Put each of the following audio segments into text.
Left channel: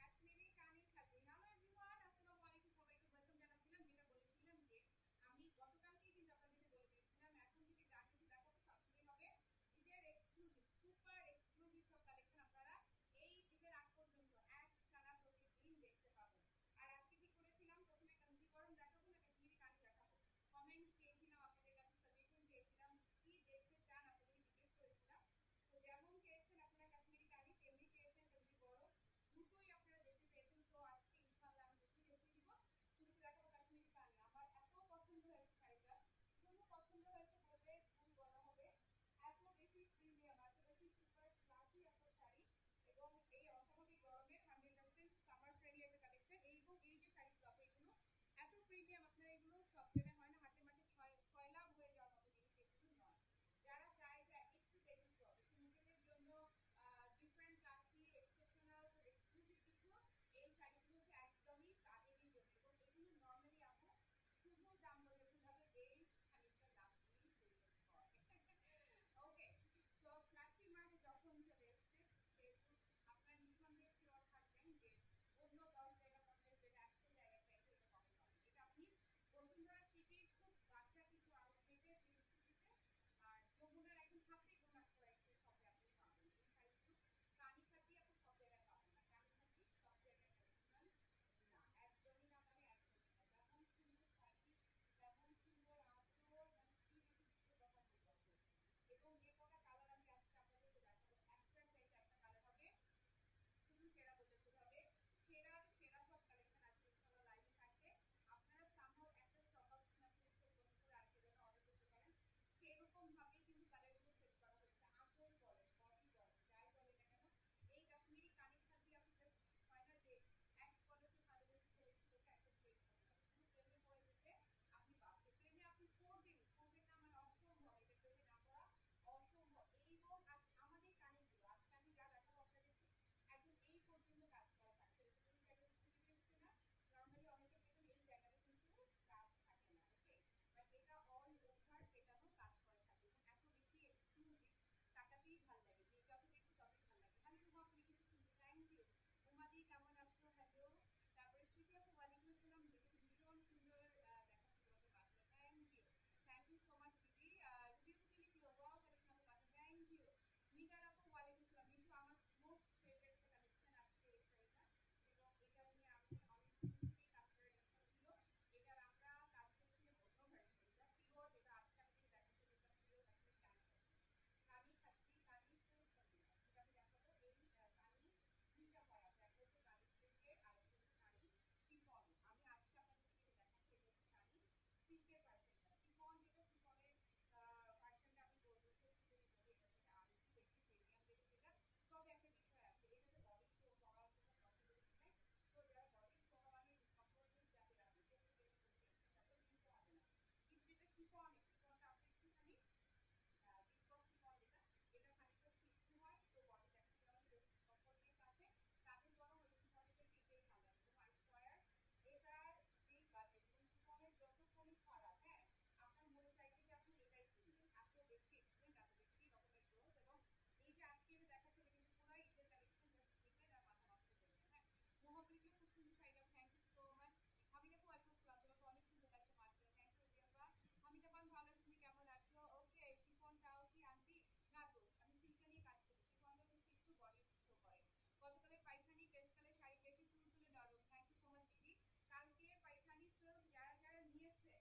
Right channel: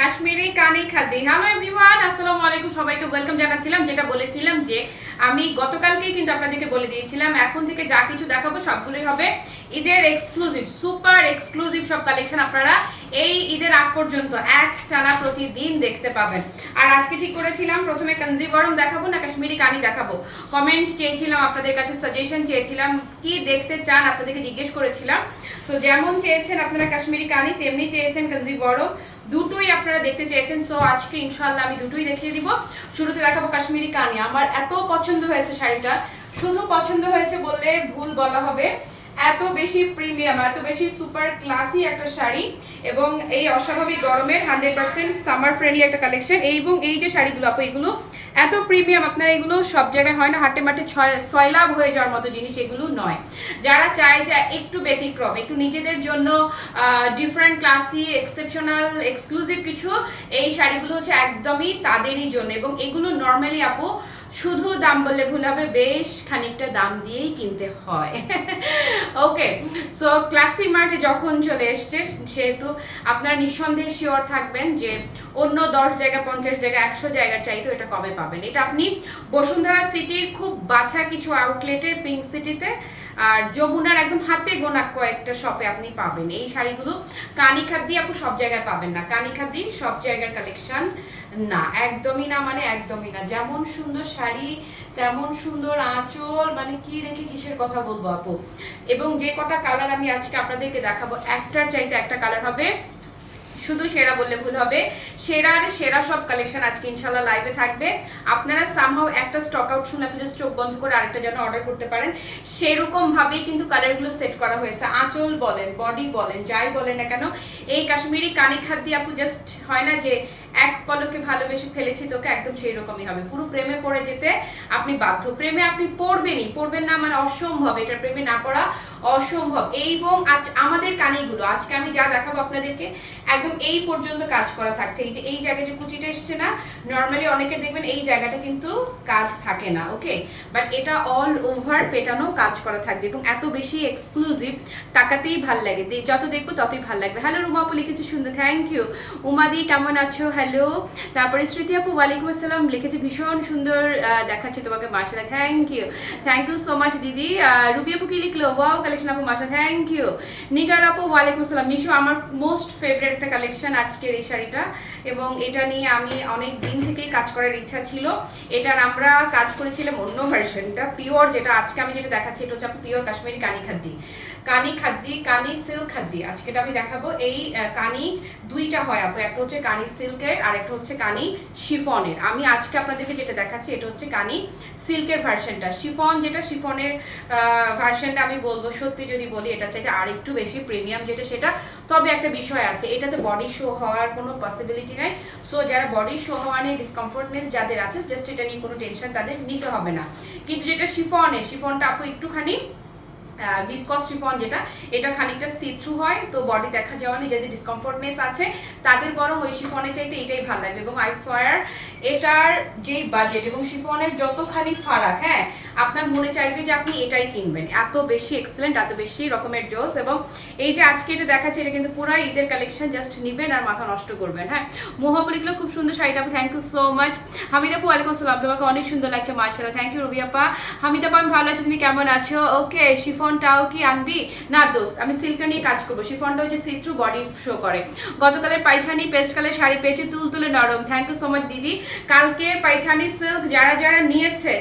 কাশ্মীরি কানি খাদ্দি। Hello everyone, আসসালামু আলাইকুম, সবাইকে ওয়েলকাম জানাচ্ছিলাম। যেটা বলেছিলাম যে আমি গতকালকেই কিন্তু আপনাদেরকে বলে দিয়েছিলাম এখন থেকে যা কিছু দেখাবো সবগুলোই হবে ঈদের এক্সক্লুসিভ, সুপার এক্সক্লুসিভ সব কালেকশন আপনারা এই ঈদের আগ পর্যন্ত এক টানা প্রতিদিন দেখতে পাবেন। আর আজকে ঠিক করেছিলাম প্রথমে কাঞ্জিবরম দেখাবো না কাশ্মীরি কানি দেখাবো। কমেন্ট চেয়েছিলাম, আপনাদের কাছে সাজেশন চেয়েছিলাম, কি দেখতে চান আপনাদেরকে জিজ্ঞেস করেছিলাম। তো যেমন চেয়েছেন আপনারা কাশ্মীরি কানি, তেমনি চেয়েছেন কাঞ্জিবরম, দুটোই আপনারা দেখতে চেয়েছেন। সো আজকে ইনশাআল্লাহ আমি দুটোই দেখিয়ে দিব। শুরুতে দেখাবো কাশ্মীরি কানি। আমার এত পছন্দ হয়েছে শাড়িটা, শুধু পছন্দ হয়েছে বললে ভুল বলা হবে, এত বেশি প্রিমিয়াম, এত বেশি সুপার ক্লাসি একটা শাড়ি এবং এই অস্বাভাবিক গরমের 100% সামার ফ্রেন্ডলি একটা কালেকশন। এবং এই যে শাড়িগুলো আপু, এগুলো এত প্রিমিয়াম, আপনারা এগুলো সব জায়গায় হয় না, হাটে মাঠে সয়লাভ হয়ে যাওয়ার মতো জিনিস এগুলো নয়। যারা চায় যে একটু ব্যতিক্রম, একটু নিজেদের জন্য ডিফারেন্ট ক্লাসি এক্সেপশনাল এক্সক্লুসিভ কিছু, এই শাড়িগুলো হচ্ছে একদমই তাদেরই জন্য। এবং এগুলো নর্মালি আপু শুধু দাম বললে ভুল হবে, বেশ খানিকটা দাম দিয়েই কিনতে হয়। ওকে, সো ক্লাসি মার্টে যখন চলে এসছে সেহেতু আপনারা নিঃসন্দেহে শিওর থাকবেন যে অন্য 10 জায়গা 50 জায়গা 100 জায়গার চাইতেও এটা কবে পাবেন। এটা আপনি বসুন্ধরা সিটির খুব বাছা কিছু আউটলেটে, পিঙ্ক সিটিতে আর যমুনার একদম হাতে গোনা কয়েকটা শপে আপনি পাবেন এই শাড়িগুলো। কানি খাদ্দি আপু সব জায়গায় পাবেন না, কানি খাদ্দি সব জায়গার কালেকশন না, একদমই না, মানে একদমই না। যেমন সুন্দর শাড়ি তেমন সুন্দর আঁচল, মানে কি রেখে কিসের কথা বলবো আপু। এবং যে কটা কালার আমি আজকে আপনাদেরকে দেখাবো, একটার চাইতে একটা কালার হবে, শুধু সেরা বললে ভুল হবে, সেরার সেরা সব কালেকশন আজকে ইনশাআল্লাহ লাইভে থাকবে। আপনারা সামহাও একটা স্টক আউট শুনে আপনি জাস্ট চোখ বন্ধ করে আরেকটা যেন অর্ডার করতে পারেন, সেরকম ভাবেই কিন্তু কালারগুলো সেট করা হয়েছে। আঁচল বলেন, বডি বলেন, যাই বলেন না কেন, এই কাশ্মীরি কানি খাদ্দি আপু জাস্ট হয় না যে এক পলকে ভালোবেসে ফেলেছি তোকে, একদম সেই রকমই হবে। পুরো প্রেমে পড়ে যেতে আপনি বাধ্য, প্রেমে আপনি পড়বেনই, পড়বেন না মানে অসম্ভব, এটা প্রেমে না পড়া অসম্ভব। এবং আজ আমাদের কানিগুলো আজকে আমি যা দেখাবো আপনাদেরকে একদম এই পর্যন্ত কাজ করা থাকছে। এই যে এই জায়গায় যে কুচিটা এসছে না, নর্মালি অনেকে দেখবেন এই জায়গাটা কিন্তু কাজ থাকে না, ওকে, বাট এটা অল ওভার পেটানো কাজ করা থাকবে এবং এত বেশি এক্সক্লুসিভ, তাকাতেই ভাল লাগে, যত দেখবো ততই ভাল লাগবে। হ্যালো রুমা আপু লিখেছে সুন্দর, থ্যাংক ইউ। উমাদি কেমন আছো, হ্যালো। তারপরে স্মৃতি আপু ওয়ালাইকুম আসসালাম লিখেছে, ভীষণ সুন্দর দেখাচ্ছে তোমাকে, মাশাআল্লাহ, থ্যাংক ইউ সো মাচ দিদি। রুবি আপু কি লিখলো, ওয়াও কালেকশন আপু, মাশাআল্লাহ, থ্যাংক ইউ। নিগার আপু ওয়ালাইকুম আসসালাম। নিশু আমার মোস্ট ফেভারিট একটা কালেকশন আজকের এই শাড়িটা, এবং এটা নিয়ে আমি অনেক দিন থেকেই কাজ করার ইচ্ছা ছিল। এটার আমরা কাজ করেছিলাম অন্য ভার্সনটা, পিওর, যেটা আজকে আমি যেটা দেখাচ্ছি এটা হচ্ছে পিওর কাশ্মীরি কানি খাদ্দি, কানি খাদ্দি, কানি সিল্ক খাদ্দি। আজকে আমি দেখাবো এই কানি দুইটা হয় আপু, একটা হচ্ছে কানি সিল্কের আর একটা হচ্ছে কানি শিফনের। আমি আজকে আপনাদেরকে যেটা দেখাচ্ছি এটা হচ্ছে কানি সিল্কের ভার্সনটা। শিফন যেটা, শিফনের ভার্সনটা আমি বলবো সত্যি যদি বলি এটা চাইতে আর একটু বেশি প্রিমিয়াম যেটা সেটা। তবে একটা বিষয় আছে, এটাতে বডি শো হওয়ার কোনো পসিবিলিটি নাই। সো যারা বডি শো হওয়া নিয়ে ডিসকমফোর্টনেস যাদের আছে, জাস্ট এটা নিয়ে কোনো টেনশন তাদের নিতে হবে না। কিন্তু যেটা শিফনের, শিফনটা আপু একটুখানি ভিসকস শিফন যেটা, এটা খানিকটা সি থ্রু হয়, তো বডি দেখা যাওয়া নেই, যাদের ডিসকমফোর্টনেস আছে তাদের বরং ওই শিফনের চাইতে এটাই ভালো লাগবে। এবং আই সোয়ার এটার যেই বাজেট এবং শিফনের যতখানি ফারাক, হ্যাঁ, আপনার মনে চাইবে যে আপনি এটাই কিনবেন, এত বেশি এক্সেলেন্ট, এত বেশি রকমের জোস। এবং এই যে আজকে এটা দেখাচ্ছে এটা কিন্তু পুরো ঈদের কালেকশন, জাস্ট নিবেন আর মাথা নষ্ট করবেন। হ্যাঁ, মোহাবলিগুলো খুব সুন্দর শাড়িটা আপু, thank you so much. Hamid আপু ওয়ালাইকুম আসসালাম, তোমাকে অনেক সুন্দর লাগছে, মাশাআল্লাহ, থ্যাংক ইউ রবি আপা। হামিদ আপা আমি ভালো আছি, তুমি কেমন আছো? ওকে, শিফনটাও কি আনবি? না দোস্ত, আমি সিল্কটা নিয়ে কাজ করবো। শিফনটা হচ্ছে সি থ্রু, বডি শো করে। গতকালের পাইঠানি পেস্ট কালার শাড়ি পেয়েছি, তুলতুলে নরম, থ্যাংক ইউ সো মাচ দিদি। কালকে পাইঠানি সিল্ক যারা যারা নিয়েছে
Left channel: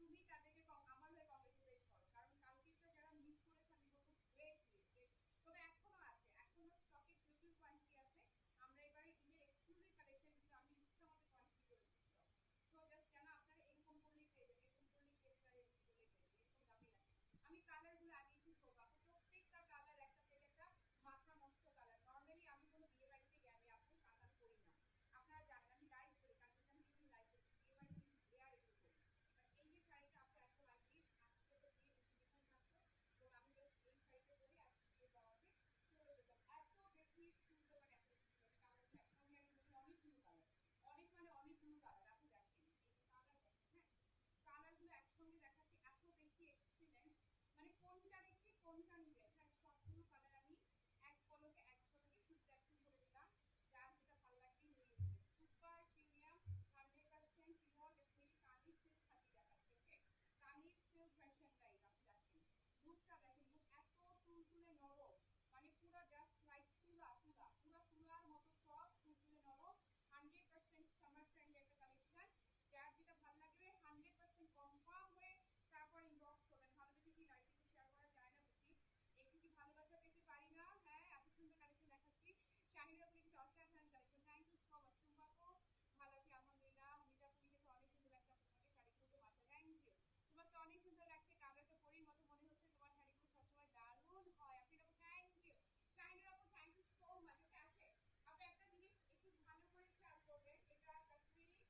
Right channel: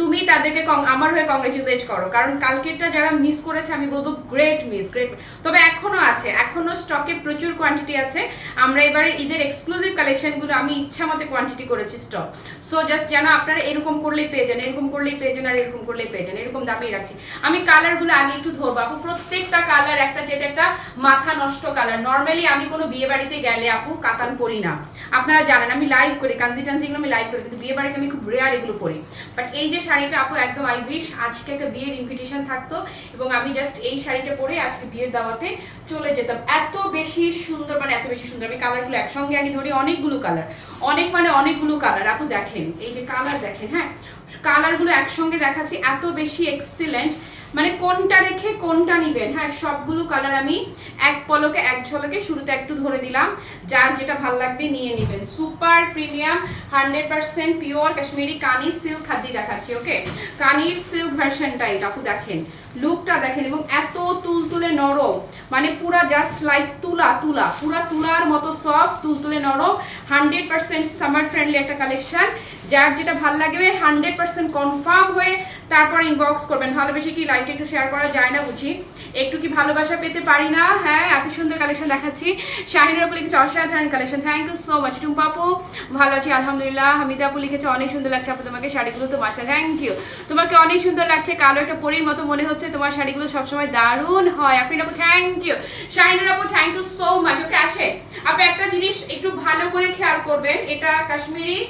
তুমি তাদেরকে আমার হয়ে কংগ্রেচুলেট করো, কারণ কালকেরটা যারা মিস করেছে আমি বলবো গ্রেট মিস, গ্রেট। তবে এখনো আছে, এখনো স্টকে প্রচুর কোয়ান্টিটি আছে। আমরা এবারে ঈদের এক্সক্লুসিভ কালেকশনগুলো আমি ইচ্ছা মতো কোয়ান্টিটি করেছি স্টক। সো জাস্ট যেন আপনারা এরকম করলেই পেয়ে যান, এরকম করলেই পেয়ে যান, আর এরকম করলেই পেয়ে যান, এরকম দামেই রাখছি। আমি কালারগুলো আগে একটু ধরবো আপু, প্রত্যেকটা কালার একটা যেটা একটা মাথা নষ্ট কালার। নর্মালি আমি কোনো বিয়ে বাড়িতে গেলে আপু কাতান পরি না, আপনারা জানেন আমি লাইভ করি, কাঞ্জি টানজিগুলো আমি লাইভ করি, কিন্তু বিয়ে বাড়িতে আমি খুব রেয়ার এগুলো পরি। বাট এই যে শাড়িটা আপু একদম আই উইশ আজকে একটা বিয়ের ইনভিটেশন থাকতো এবং আমি জাস্ট এই শাড়িটা পরে আজকে বিয়ের দাওয়াতে চলে যেতাম। এত বেশি সুন্দর, মানে এত বেশি সুন্দর। আমি কালারগুলো একসঙ্গে আগে ধরি, অনেকগুলো কালার, অনেকগুলো কালার আপু, দেখেন এই যে কালার দেখেন, হ্যাঁ, কালারগুলো একসঙ্গে দেখাচ্ছি, এত বেশি এক্সিলেন্ট। মানে কোনটা রেখে কোনটা নিবেন। হ্যাঁ, সবগুলো কালার আমি এক পলকে এক ঝলকে শুরুতে একটু ধরে দিলাম, যার যেটা ভালো লাগবে নিয়ে নেবেন। সুপার প্রিমিয়াম 100% পিওর কাশ্মীরি কানি সিল্ক খাদি দেখাচ্ছি। ওকে, কানির সিল্ক ভার্সনটা এটা আপু দেখেন, লুকটা দেখেন, এবং এত তুলতুলে নরম, মানে পুরা জাস্ট লাইক তুলা তুলা, পুরা তুলার মতো সফট, তুলতুলে নরম, 100% সামার ফ্রেন্ডলি একটা কালেকশন। যার যেটা ভালো লাগবে 100% কনফার্ম হয়ে তারপর ইনবক্স করবেন। ভালোবেসে কি লাইভটা একটু শেয়ার করা যায় না বুঝি, একটু কি ভালোবাসা পেতে পারি না? হ্যাঁ, এত সুন্দর কালেকশন দেখাচ্ছি। শাহিনুর আপু লিখেছে অসাধারণ collection, thank you so much. Tumpa আপু ভালো আছি আলহামদুলিল্লাহ। হামিদা আপু লিখেছে অনেক সুন্দর লাগছে আপু তোমাকে শাড়িগুলো, তো মাসা থ্যাংক ইউ, তোমাকে অনেক সুন্দর লাগছে, কালো একটা পরীর মতো মনে হচ্ছে, তোমার শাড়িগুলো সবসময় দারুণ হয়। আফরিন আপু থ্যাংক ইউ, শাহিনুর আপু থ্যাংক ইউ সো মাচ। ওকে, আসে আপনি একটা জিনিস একটু ভালো করে খেয়াল করবেন, এটা কাশ্মীরি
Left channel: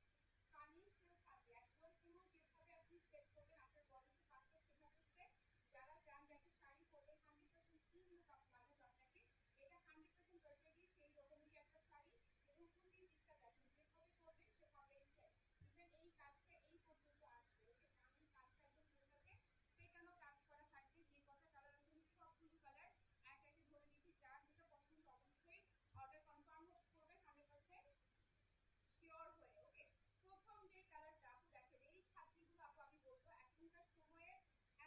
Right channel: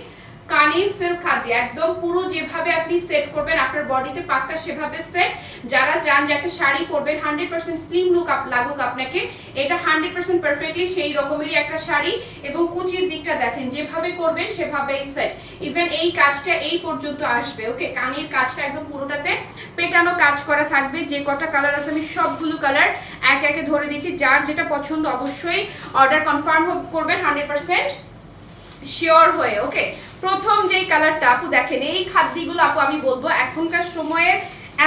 কানি সিল্ক খাদি, একদম পুরো যেভাবে আপনি সেট করবেন আপনার বডিতে পাক্কা সেভাবে সেট। যারা চান যে একটা শাড়ি পরবেন 100% স্লিম লুক লাগুক আপনাকে, এটা 100% পারফেক্টলি সেই রকমেরই একটা শাড়ি। এবং কুচির দিকটা দেখেন, যেভাবে করবেন সেভাবেই সেট। ইভেন এই কাজটা এই পর্যন্ত আসবে। ওকে, কানের কাজটা একদম পুরোটাতে পেটানো কাজ করা থাকবে। যে কটা কালার আছে আমি সবগুলো কালার এক একে ধরে দিচ্ছি, যার যেটা পছন্দ অবশ্যই অর্ডার কনফার্ম করবেন 100% শিওর হয়ে। ওকে, প্রথম যেই কালারটা আপু দেখেন, এই খাদ্যগুলো আপু আমি বলবো এখনকার সময়ে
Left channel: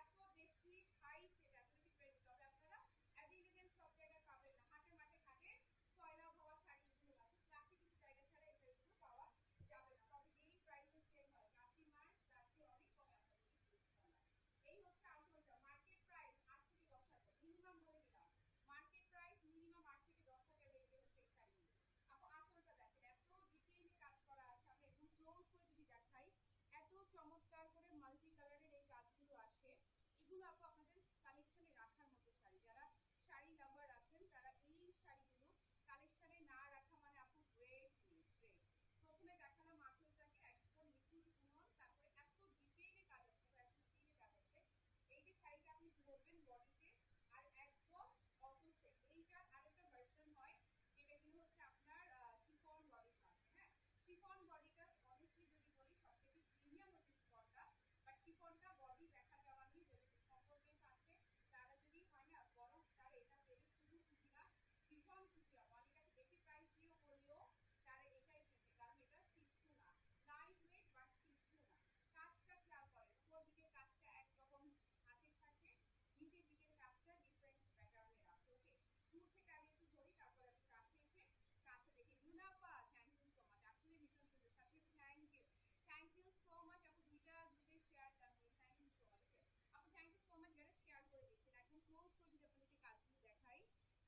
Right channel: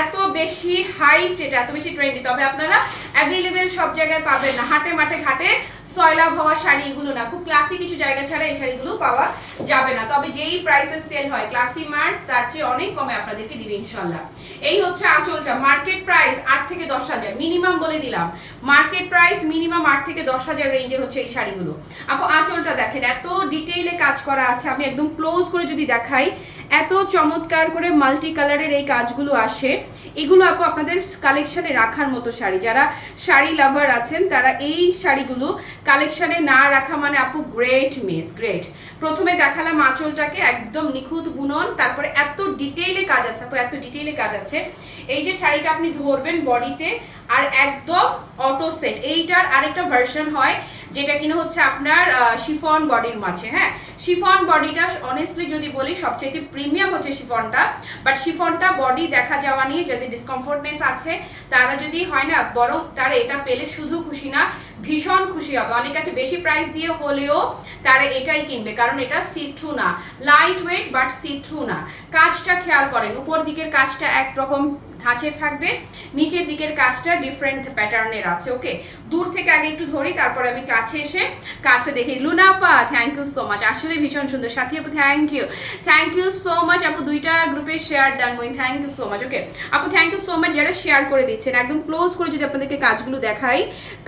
এত বেশি হাইপ, এটা এত বেশি ট্রেন্ডি, তবে আপনারা অ্যাভেলেবেল সব জায়গায় পাবেন না। হাটে মাঠে ঘাটে সয়লাভ হওয়া শাড়ি এগুলো না, খুব ক্লাসি কিছু জায়গা ছাড়া এই শাড়িগুলো পাওয়া যাবে না। তবে যেই প্রাইসে সেল হয় ক্লাসি মার্ট, তার চেয়ে অনেক কমে আপনাদেরকে দিবে ইনশাল্লাহ। এই হচ্ছে আঁচলটা, মার্কেট প্রাইস 8 থেকে 10,000 মিনিমাম বলে দিলাম, মার্কেট প্রাইস মিনিমাম 8 থেকে 10,000 রেঞ্জের হচ্ছে এই শাড়িগুলো। আপু আঁচলটা দেখেন, এত ডিটেইলে কাজ করা আছে, আমি একদম ক্লোজ করে যদি দেখাই, এত চমৎকার করে মাল্টি কালারের এই কাজগুলো আসে। এগুলো আপু আপনাদের কালেকশনে রাখার মতো শাড়ি, যারা শাড়ি লাভার আছেন তারা এই শাড়িগুলো কালেকশনে না রাখা মানে আপু গ্রেট মিস, গ্রেট। প্রথমে দেখালাম আঁচলটাকে একদম নিখুঁত বুনন, তারপরে এত ডিটেইলে কাজ আছে আপু, এত ডিটেইলে কাজ আছে। এই যে শাড়িটা আপনি ধরবেন বডিতে আর একদম অটো সেট। এইটার আরেকটা ভার্সন হয় যেটা কিনা হচ্ছে আপনার শিফন বডির মাঝে। হ্যাঁ, শিফন বডিটা অনেস্টলি যদি বলি সবচেয়ে প্রিমিয়াম হচ্ছে শিফনটা, বাট শিফনটা বডি দেখা যাওয়া নিয়ে যাদের ডিসকমফোর্টনেস আছে তারা যদি হয় না, বরং তারা এটা পেলে শুধু খুশি না ভীষণ খুশি হবে। অনেক কাছে বেশি প্রাইস দিয়ে হলেও তারা এটাই কিনবে, কারণ এটা সি থ্রু না, light weight but see through না। কাজটা খেয়াল করেন, উপর দিকের কাজটা একরকম ধাঁচের থাকবে, নিচের দিকের কাজটা ডিফারেন্ট প্যাটার্নের আছে। ওকে, দূর থেকে আগে একটু ধরি, তারপরে আমি কাছে এসে কাছে দেখি। লুনা আপা থ্যাংক ইউ সো মাচ, আসলে ভীষণ সুন্দর। সাথী আপু থ্যাংক ইউ সো মাচ আপু, দুইটা গ্রুপে শেয়ার ডান বই, থ্যাংক ইউ সো মাচ। ওকে আপু থ্যাংক ইউ সো মাচ যারা শেয়ার করে দিচ্ছেন। একদম ক্লোজ করে যদি আপনাদেরকে কাজগুলো দেখাই,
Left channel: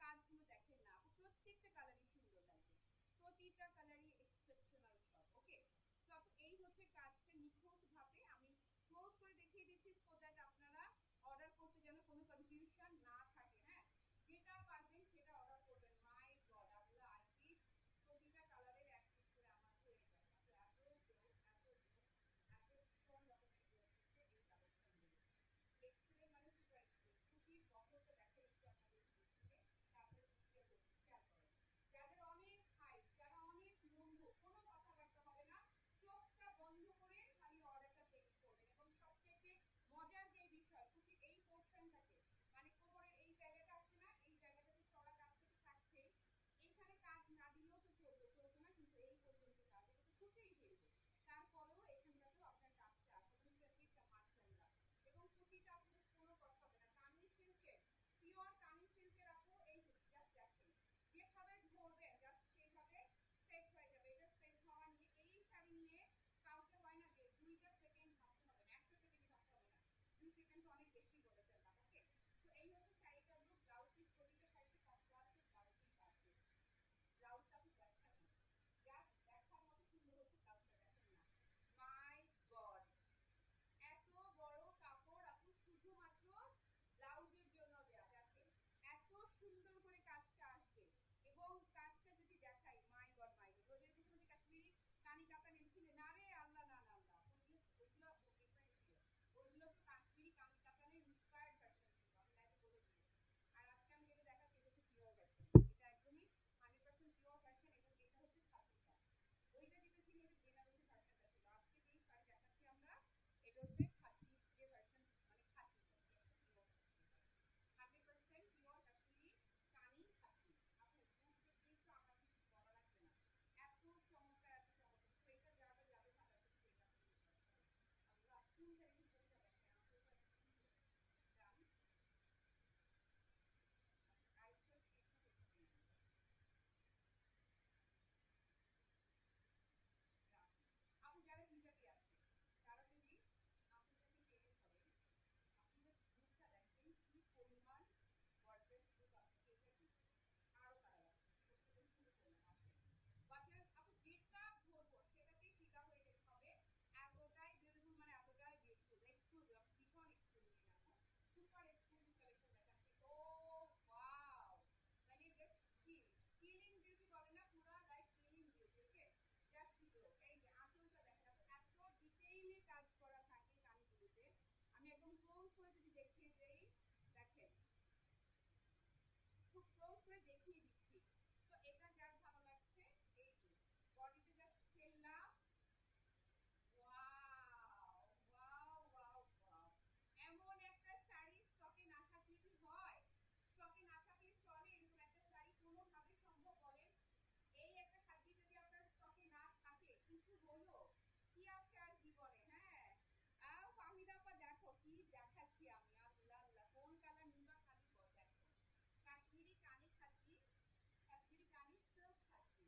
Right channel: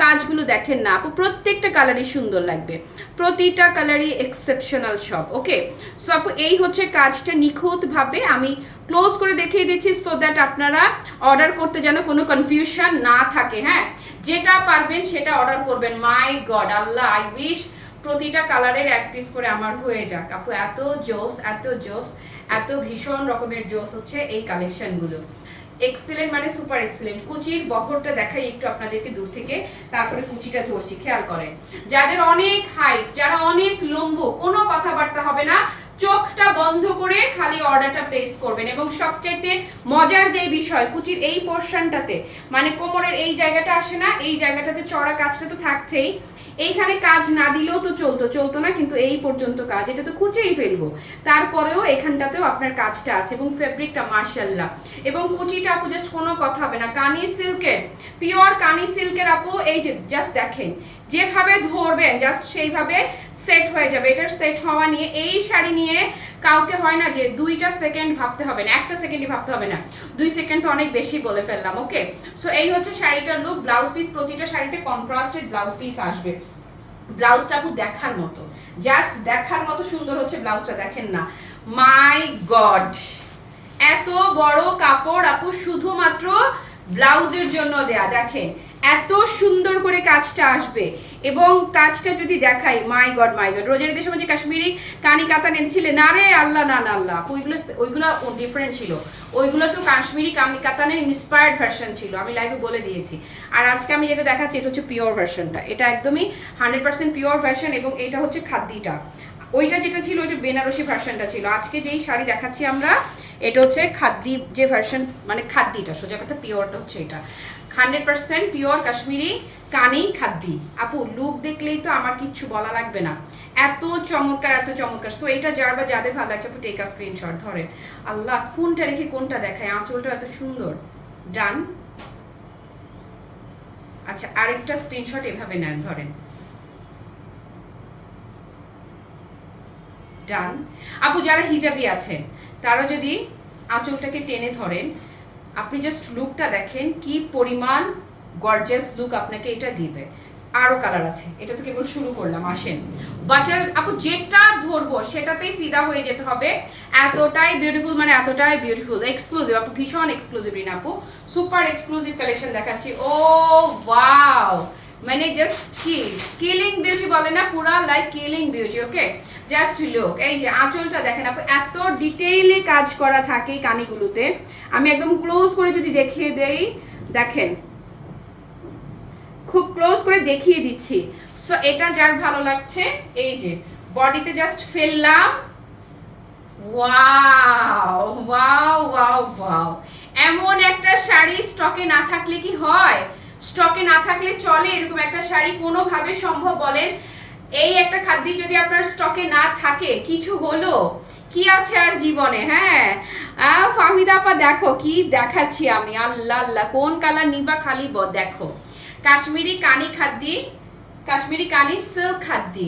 কাজগুলো দেখেন না আপু, প্রত্যেকটা কালারই সুন্দর লাগবে, প্রতিটা কালারই এক্সেপশনাল সব। ওকে, সো আপু এই হচ্ছে কাজটা নিখুঁত ভাবে আমি ক্লোজ করে দেখিয়ে দিচ্ছি, সো দ্যাট আপনারা অর্ডার করতে যেন কোনো কনফিউশন না থাকে। হ্যাঁ, যেটা পারবেন সেটা অর্ডার করবেন। মাই গড আল্লাহ, আই উইশ প্রতিটা কালারের এক পিস করে আমার হয়ে যাক আপু, এত জোস, এত জোস, এত ভীষণ রকমের জোস হচ্ছে এই কালেকশনগুলো। এক্সিলেন্ট মানে সুপার এক্সিলেন্ট। কুচির বহরটা দেখাই একটু আপনাদেরকে দূর থেকে, তারপরে কুচিটা ধরছি, খেয়াল করেন। যাদের অনেক হাইট, যারা অনেক লম্বু, কোনো কথাবার্তা হবে না, চোখটা বন্ধ করে খালি অর্ডারটা প্লেস করবেন। এবং সবচাইতে মজার যে বিষয়, কুচির এই পোরশনটাতে মানে কোমরের এই জায়গাটা আসে না, এই জায়গাটাতে চড়া কাজটা তো থাকছেই, এইখানে কাজ না দিলেও তো চলতো না, কিন্তু এই পর্যন্ত কাজ, এটা তো খুঁজেই ফেলবো, তারপরেও এখানটাতেও আপনার কাজটা আছে। এবং ফেব্রিকটা মাশাআল্লাহ, এবং কুচিটা আপু জাস্ট কোনো কথা হবে না, কানি সিল্কের, পিওর কানি সিল্কের আপু। এই যে জাস্ট দেখেন, যেভাবে ধরবেন জাস্ট সেইভাবে সেট হয়ে যাবে। এটার সেট হওয়া নিয়ে, এই শাড়ি নিয়ে কাউকে হয় না যে 2টা সেকেন্ড ভাবতে হবে না, 1টা সেকেন্ডই ভাবতে হবে না, 2 সেকেন্ড তো অনেক বেশি বলে ফেললাম। ওকে, সো এই হচ্ছে শাড়িটার লুক। ব্লাউজ পিস, প্রতিটা শাড়িতে কন্ট্রাস্টেড ব্লাউজ পিস আসবে। ব্লাউজটা আপু দেখার মতো, জাস্ট দেখার মতো সুন্দর হচ্ছে ব্লাউজটা, দেখেন না, মাই গড, এত বড় কাপড় আপু শুধুমাত্র ব্লাউজের জন্য দেয়া। দেখেন এত সুন্দর করে কাজটা আসবে, এবং কাজটা যদি দেখাই, মাই গড মাই গড। রোজার ঈদের সময় যে কাশ্মীরি কানি কাতান এনেছিলেন, না রে আল্লাহ, না না আল্লাহ, ওইগুলো ডিফারেন্ট ছিল, ওইগুলো তো কাশ্মীরি কানি কাতানের ইন্সপায়ার্ড ভার্সন ছিল, আমি লাইভে বলে দিয়েছি। আর আজকে আমি যেটা দেখাচ্ছি এটা হচ্ছে পিওর ভার্সনটা, এটা একদমই 100% পিওর ভার্সন, এবং এটা হচ্ছে খাদ্যিটা। ওইটা যেটা ছিল ওইটা বেনারসি ভার্সনটা ছিল। আজকে যেই শাড়ি দেখাচ্ছি আমরা এটা হচ্ছে খাদ্দি যে ভার্সন, মানে খাদ্দিটা সোজা কথা পিওরটা হচ্ছে এটা 100% পিওর কাশ্মীরি কানি খাদ্দি। আপু লুক দেখলেই তো আমার কিচ্ছু বলা লাগবে না, এত চমৎকার এত চমৎকার। সো এটা যার বা যাদের ভালো লাগছে আপু টেক আ স্ক্রিনশট। ধরেন আল্লাহ কোনটা রেখে কোনটা দেখায়, আঁচলটা এত সুন্দর। ডান। আচ্ছা আরেকটা স্ক্রিনশট এভাবে নেন, ধরেন ডান। আপু যারা হিজাবি আছেন তারা যদি আঁচলটাকে টেনে ধরেন, আপনি জাস্ট লুকটা দেখেন কি পরিমাণ গর্জিয়াস লুক আপনাকে এটা দিবে। আরো কালার আছে, এটা তো কেবল শুরু করলাম, আসেন। বাটার আপু যেটা ধরবো সেটাতেই ফিদা হয়ে যেতে হবে, এতটাই বিউটিফুল, মানে এতটাই বিউটিফুল এক্সক্লুসিভ আপু, ভীষণ এক্সক্লুসিভ রিন আপু, সুপার এক্সক্লুসিভ কালেকশন দেখাচ্ছি। ও ওয়াও, মানে জাস্ট কি কিলিং বিউটি বলে না, পুরা লাইক কিলিং বিউটি। ওকে জাস্ট লুক, এই যে আঁচলটা দেখেন আপু, এত ডিটেইলে কাজ করা থাকে কানিগুলোতে। আমি একদম ক্লোজ করে যদি দেখিয়ে দেই, দেখেন খুব ক্লোজ করে দেখিয়ে দিচ্ছি। সো এটা যার ভালো লাগছে এই যে বডিতে জাস্ট ফেললাম, ওয়াও ওয়াও ওয়াও ওয়াও। এমন একটা শাড়ি স্টকে না থাকলে কি হয়, স্টকে না থাকলে চলে এরকম একটা শাড়ি কোনোভাবে সম্ভব বলেন? এই একটা খাদ্য যদি আপনার স্টকে না থাকে কিছু হলো কি আছে আর জীবনে। হ্যাঁ ফাহমিদা আপা দেখো কি দেখাচ্ছি আমি, আল্লাহ আল্লাহ কোন কালার নিবা খালি দেখো, কাশ্মীরি কানি খাদ্দি, কাশ্মীরি কানি সিল্ক খাদ্দি।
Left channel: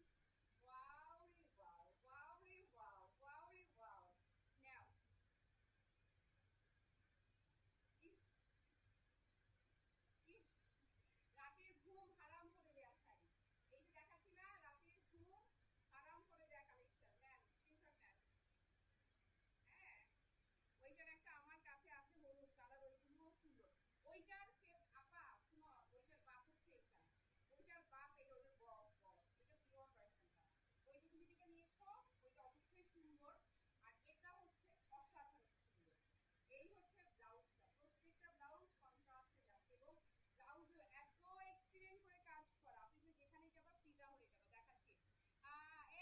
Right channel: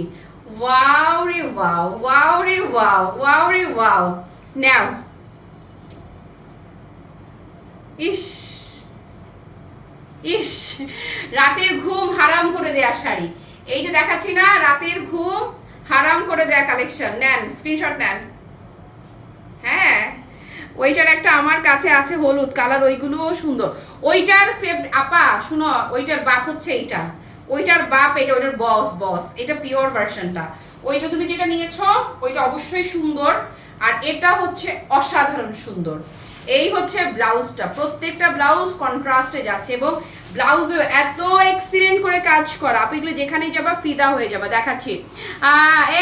ওয়াও রে ওয়াও, ওয়াও রে ওয়াও, ওয়াও রে ওয়াও। নাও ইস ইস, রাতের ঘুম হারাম করে দেয়া শাড়ি, এই যে দেখাচ্ছি না রাতের ঘুম হারাম করে দেয়া কালেকশন। নেন স্ক্রিনশট নেন। হ্যাঁ ওইটার একটা আমার কাছে আছে হলুদ কালার, ওইগুলোও সুন্দর। ওইটার আপা শুনো, ওইটার বাপ হচ্ছে এইটা, ওইটার বাপ এটা, ওইটার বস বস, এটা পিওর ভার্সনটা। ওইটা তুমি যেটা নিয়েছো ওইটা অবশ্যই সুন্দর, আর এটা হচ্ছে অসাধারণ সুন্দর। এই হচ্ছে ব্লাউজটা, প্রত্যেকটা ব্লাউজ কন্ট্রাস্টে যাচ্ছে এবং ব্লাউজে এত এক্সিলেন্ট করে কাজ করা, আপু এগুলো যেখানেই যাবা ফিদা হয়ে যাবে। দেখাচ্ছি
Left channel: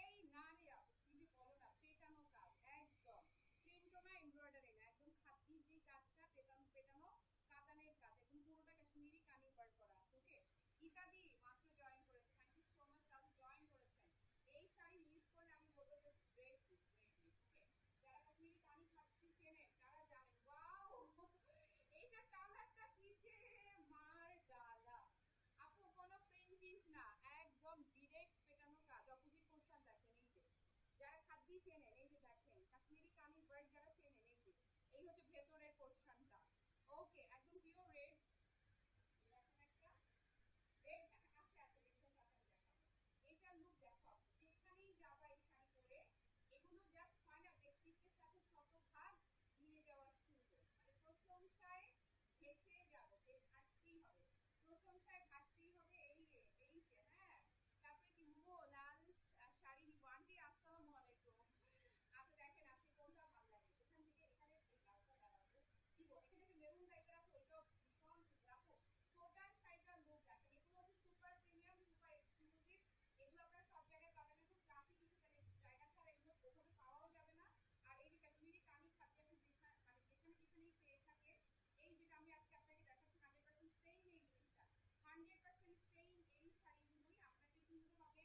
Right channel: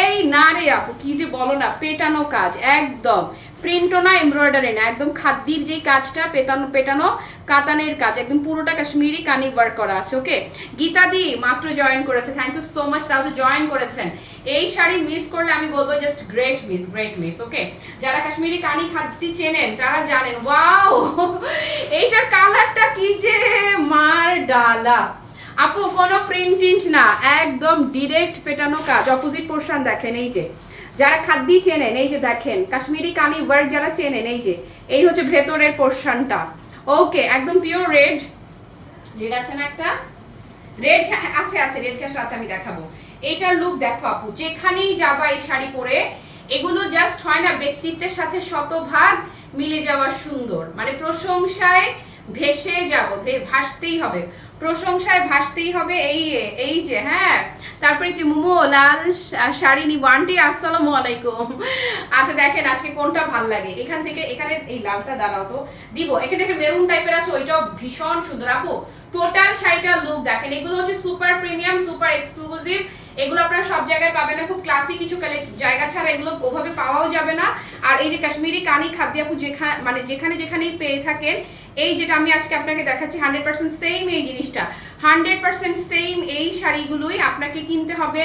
এই না রে আপু কি যে বলো না, পেটানো কাজ একদম, প্রিন্টও না এমব্রয়ডারি না, একদম খাদ্যির যেই কাজটা পেটানো পেটানো কাতানের কাজ, একদম পুরোটা কাশ্মীরি কানি ওয়ার্ক করা আছে। ওকে গীতা দি মাত্র জয়েন করেছে, থ্যাংক ইউ সো মাচ, তাহলে জয়েন করেছেন। এই শাড়ি মিস করলে আমি বলবো just great miss, great miss. Okay যারা কাশ্মীরি কানি খাদ্যি চেনেন তারা জানেন। ওয়াও এইটার কালারটা কি যে মার ডালা আপু, কোনো প্রিন্টিং না, একদম ডিরেক্ট পেটানো কাজ। অপোজিট পোরশন দেখেন, এই যে যারা খাদ্যি চেনেন এই যে দেখেন, কাশ্মীরি কানি ওয়ার্ক যারা চেনেন এই যে এই হচ্ছে ভেতরের পোরশনটা। ওকে একদম পিওর রেড, রেড আছে না একটা, রেড আছে আছে, রেড ক্যাশ আছে, আমি দেখাবো। এইটার লুক দেখো আপু, যেখানেই যাবা এই শাড়ি পরে, এগুলো জাস্ট হয় না ব্যক্তিত্বের সাথে শতভাগ মিলে যাওয়া সুন্দর, মানে প্রশংসায় ভেসে যাব, ভাসতেই হবে, প্রশংসায় ভাসতেই হবে। এই যে হ্যাঁ, তারপরে কি মোমো লাল শাড়ি নিব আন্টি, আসসালামু আলাইকুম। আচ্ছা দেখেন আজকে কোনটা ভাল লাগে, এখান থেকে এখানে এই লালটা দাঁড়াও তো দিব, এখানে একটা মেরুন টাইপের আছে ওইটাও ভীষণ সুন্দর। আপু টোটাল শাড়িটার লুক দেখেন, এগুলো হচ্ছে সুপার প্রিমিয়াম সুপার এক্সক্লুসিভ, এগুলো আপনারা সব জায়গায় পাবেন না, খুব ক্লাসি কিছু জায়গা ছাড়া এগুলো ওভাবে পাওয়াও যাবে না। আর এই যে কাশ্মীরি কানি খাদ্য আপু যেখানে মানে যেখানে যেখানেই পেয়ে থাকেন, এই যেটা আমি আজকে আপনাকে দেখাচ্ছি 100% সেম এই জিনিসটা, 100% সেম এই শাড়িগুলোই আপনাকে কিনতে হবে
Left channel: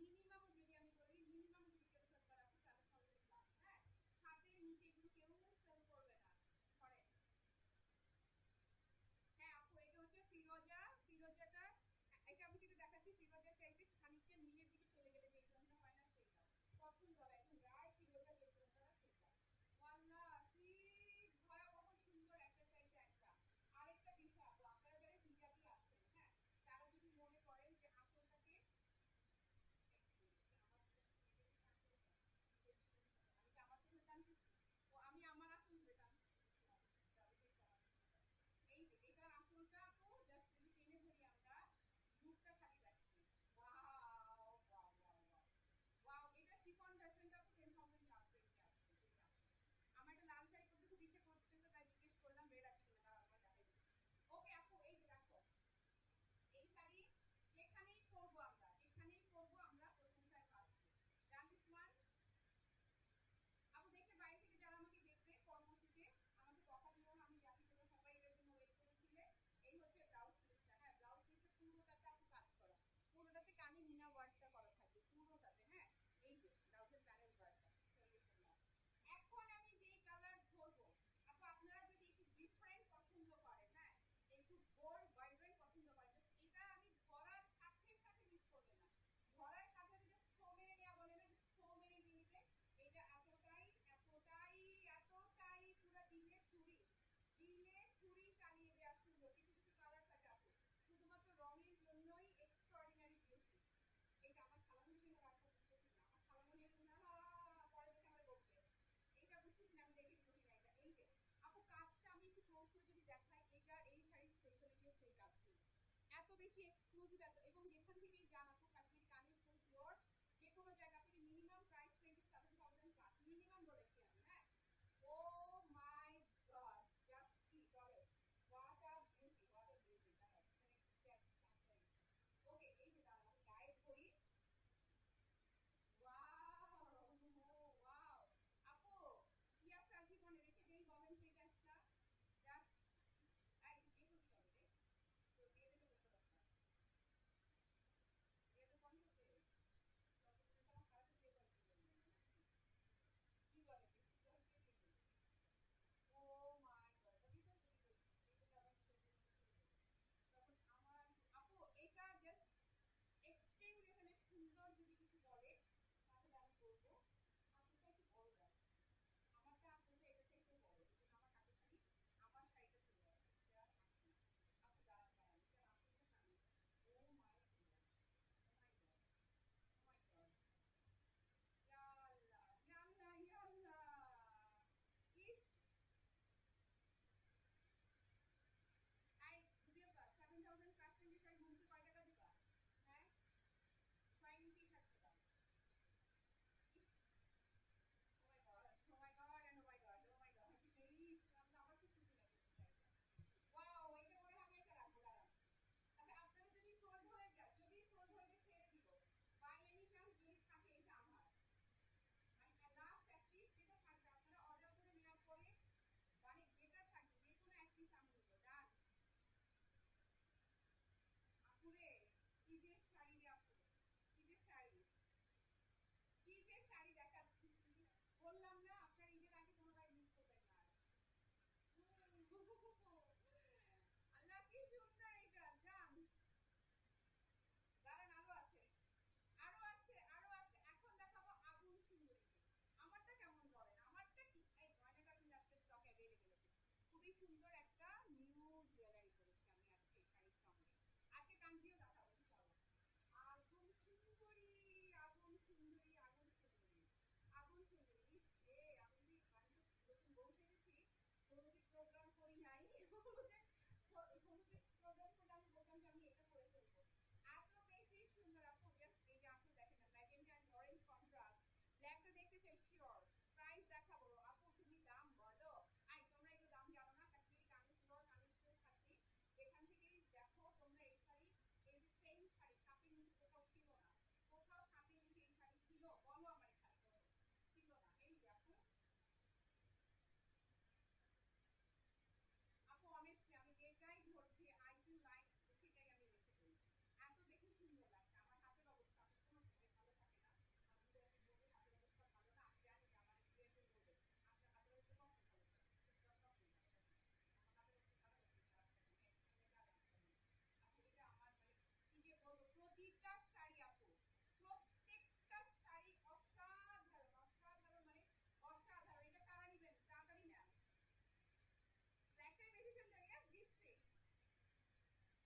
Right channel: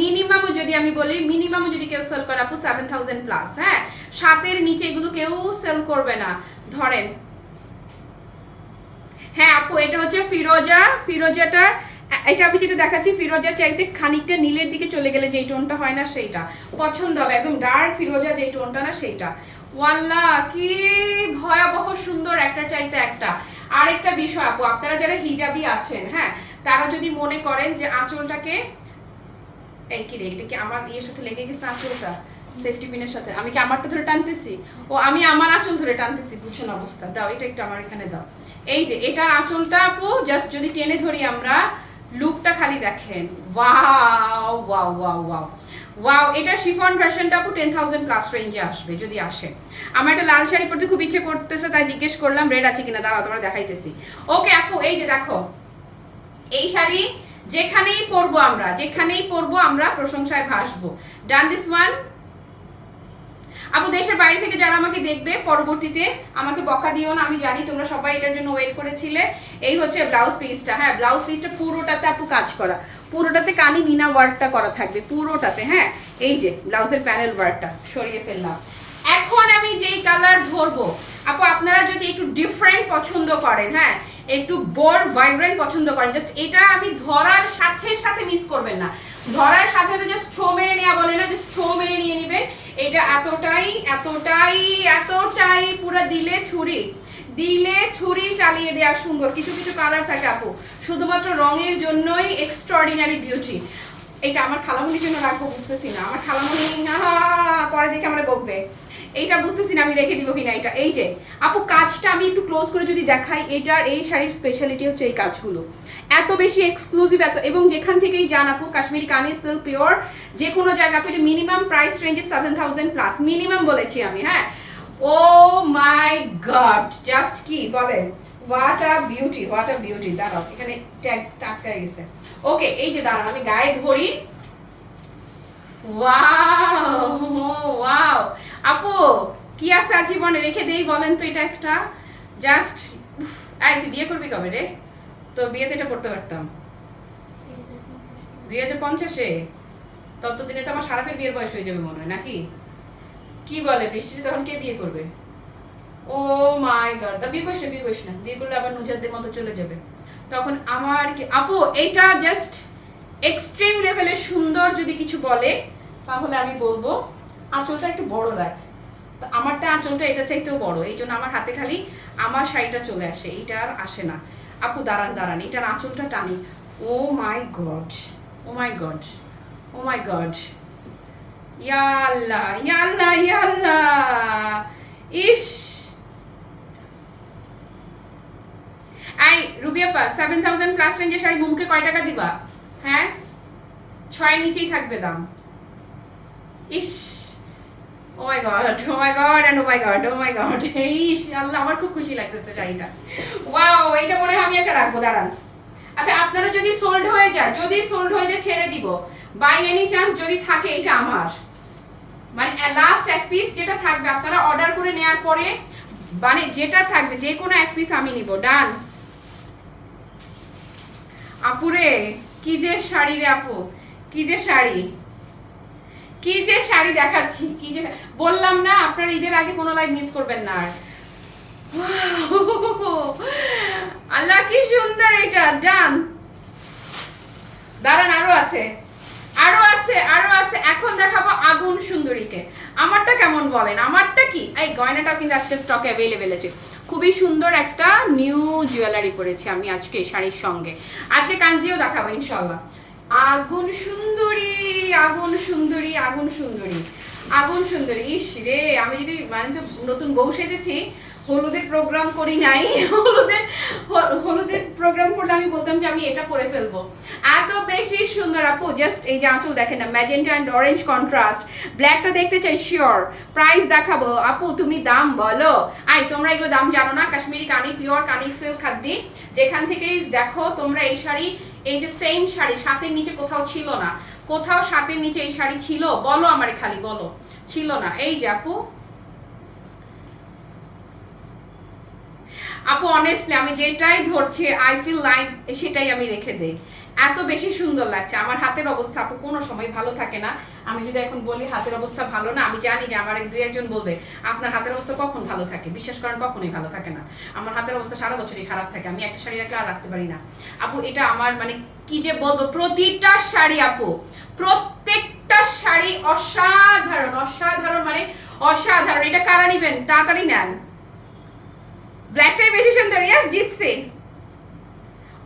মিনিমামও যদি আমি বলি, মিনিমামও যদি কেউ সেল করে আপু 7000 প্লাস। হ্যাঁ 7 নিচে এগুলো কেউ সেল করবে না। ধরেন হ্যাঁ আপু এটা হচ্ছে ফিরোজা, ফিরোজাটা এটা আমি যেটা দেখাচ্ছি ফিরোজা চাইতে খানিকটা নীলের দিকে চলে গেলে যেই টোনটা হয় না সেইটা পছন্দ হবে, একদম ডার্ক ফিরোজা যেই টোনটা না সেইটা। ওয়াল্লাহ কি ভয়াবহ সুন্দর, একটা চাইতে একটা। আরেকটা বিষয় আপু, আপনারা যারা হিজাবি আছেন হ্যাঁ, তারা যদি মনে করেন যে আঁচলটাকে, এই কি রে এটা কি আমার ইয়ের সাথে লেগে গেছে আঁচলটা, সেফটি পিনের সাথে, আমি কি আমারটা ধরে টানতেছি, ও আমি আমার আঁচল ধরে টানতেছি, বুঝছেন অবস্থা। দাও এটা একটু আমার এখানে দাও। এই যে এটা আঁচলটা আপু জাস্ট যদি টেনে ধরি আমরা, লুকটা খালি দেখেন, wow wow wow wow wow. এটা শিফন ভার্সনটা আপু 10000 প্লাস রেঞ্জে আসবে যদি আসে। আমার একটা লাল শাড়ি পরতে খুব ইচ্ছে করতেছে, তাই জিজ্ঞেস করলাম রেড আছে কিনা, দাঁড়াও তোমরা দেখাইতেছি। ওকে আপু এই যে দেখো, এই শাড়ি যেখানেই পরবো আমরা প্রশংসায় ভাসবো। Done this one. আপু দেশের বাইরে থেকে যারা আমাকে দেখবে পরবর্তীতে আমাকে বকা দিও না, আমি জানি তোমরা সবাই এটার জন্য ওয়েট করেছিলে। এই হচ্ছে ব্লাউজ পিসটা, হ্যাঁ ব্লাউজ পিসটা পুরোটাতে আপু কাজ করা, পুরোটাতে কানি মিনা ওয়ার্কটা করা থাকবে পুরোটাতে। হ্যাঁ এই যে ব্লাউজের প্যানেল ওয়ার্কটা সরিয়ে ফেললাম। এখন আমি যেই কালার ধরবো আপু, আপনারা যদি একটু ডিফারেন্ট পছন্দ করেন, হ্যাঁ একটু বোল্ড ভাইব্রেন্ট পছন্দ করেন, জাস্ট এটা আমি ধরার সাথে সাথে মিস করবেন না, ধরার সাথে সাথে জাস্ট ছো মেরে নেওয়া বলে না, জাস্ট ছো মেরে নিয়ে নেবেন। এটা এতটাই এতটাই এতটাই পুরো দিলে ছুরি চালিয়ে দেওয়া সুন্দর। কিছু কিছু কালার থাকে আপু শুধুমাত্র রঙের জন্যই এক্সট্রাঅর্ডিনারি বিউটি। এটা আমার খালামণির জন্য রাখবো বুঝতেছি না, আমার খালামণি পরে দেখে আমরা বকবে, এইটা বুঝতেছি না আমি রেখে দিব কিনা এটা। এই যে আপু কাজটা আমি একটু ক্লোজ করে যদি দেখাই, এটার এই শাড়ির স্পেশালিটি হচ্ছে এই কাজগুলো এত বেশি এক্সক্লুসিভ, এত এবং যেখান থেকেই যান আপু কাশ্মীরি কানি সিল্ক পিওর যে কোনো জায়গা আপনি মিনিমাম প্রাইস রেঞ্জে 7000 প্লাস মিনিমাম বলেছি আমি। হ্যাঁ ও মাই গড জাস্ট কি বলেন, হোয়াট আ বিউটি। দাঁড়াও এখানে ট্যাগ টাটকা গেছে। ওকে এই যে দাঁড়ান আমি গায়ে ধরি। ওয়াও আপু কি আছে জীবনে রেখে দেই বলেন তো, এটা একটা জাস্ট এই তুই বিয়ে করবি কবে রে? তো বিয়েতে এটা পড়তে পারতাম 2050-এ, ততদিনে তো আমার সারাফের বিয়ের বয়স হয়ে যাবে মনে হয় নাকি? কি বলে বৃষ্টি, তখন কে বিয়ে করবে? ও মাই গড, বিয়ে করিস না, বিয়ে করলে আবার নুজাদের মতো চলে যাবে তখন আমার কি। আপু এইটা জাস্ট এক্সট্রিম লেভেলের সুন্দর, যদি কিছু বলে তাহলে আমি বলবো আঁচলটা একটু বড় রাখ। আমারটা আঁচলটা এটা চাইতেও বড়, এই জন্য আমার হাতে খালি আমার শাড়িটা চলে আসে, এইটা আর আসে না। আপু দাঁড়ান এটার আঁচলটা টানি। ও মাই গড ইয়া আল্লাহ ইস। এই রুবিয়াপা 7000 প্লাস রেঞ্জের শাড়ি মুমকে কয় টাকা দিবা? হ্যাঁ 6 নিচেই থাকবে দাম। ইস ও মাই গড ইস আল্লাহ, আমার খুব খুশি লাগতেছে শাড়িটা। ওয়াও এটা মনে হয় আমি একটা রাখবো, দাঁড়ান। আচ্ছা আপনারা যদি সোল্ড হয়ে যায় ছেড়ে দিব, বাই এনি চান্স যদি থাকে এটা আমার মানে লাস্ট এক পিস যেটা থাকবে আপনারা অর্ডার করে নেওয়ার পরে মানে যেটা থাকবে যে কোনো এক পিস আমি নিব। ডান। আপুরে কি যে শাড়ি রে আপু, কি যে শাড়ি দেখাচ্ছি, কি যে বললাম না আপনার ঈদের আগে কোনো লাইভ মিস করবেন না। আর আল্লাহ কি সুন্দর এটা। ডান। দাঁড়ান আরো আছে। এখন দেখাবো আগুন সুন্দরীকে। আমারটা কেমন বলেন, আমারটা কি? এই গয়নাটাও কিন্তু আজকে স্টকে অ্যাভেলেবেল আছে। খুবই সুন্দর একটা নিউ জুয়েলারি পরেছি আমি আজকে শাড়ির সঙ্গে। আজকে কাঞ্জিও দেখাবো ইনশাআল্লাহ। আগুন সুন্দরী ইস রে, আমি যদি মানে তো নতুন বউ সেজেছি, হলুদের প্রোগ্রাম করি নাই, হলুদের প্রোগ্রাম করলে আমি বলতাম যে আমি এটা পরে ফেলবো। এত বেশি সুন্দর আপু, জাস্ট এই যে আঁচল দেখেন না, ম্যাজেন্টা এন্ড অরেঞ্জ কন্ট্রাস্ট। ব্ল্যাকটা দেখতে চাই শিওর। প্রাইস দেখাবো আপু, তুমি দাম বলো। তোমরা এগুলো দাম জানো না, কাশ্মীরি কানি পিওর কানি সিল্ক খাদ্দি, যেখান থেকেই দেখো তোমরা এই শাড়ি, এই যে সেম শাড়ি সাতের নিচে কোথাও ছিল না, কোথাও সাতের নিচে এই শাড়ি ছিল বলো আমারে, খালি বলো ছিল না। এই যে আপু অনেস্টলি আমি যেটাই ধরছি আই ফিল লাইক সেটাই আমি রেখে দেই, এত বেশি সুন্দর লাগছে। আমার হাতের অবস্থা আপু কোনো সময় ভালো থাকে না, আমি যদি এখন বলি হাতের অবস্থা ভালো না, আমি জানি যে আমার দুই একজন বলবে আপনার হাতের অবস্থা কখন ভালো থাকে, বিশ্বাস করেন কখনোই ভালো থাকে না। আমার হাতের অবস্থা সারা বছরই খারাপ থাকে, আমি একটা শাড়ি রাখলে আর রাখতে পারি না আপু। এটা আমার মানে কি যে বলবো, প্রতিটা শাড়ি আপু, প্রত্যেকটা শাড়ি অসাধারণ মানে অসাধারণ। এটা কারা নিবেন তাড়াতাড়ি নেন। ব্ল্যাকটাই বেশি সুন্দর, ইয়েস জিতছে।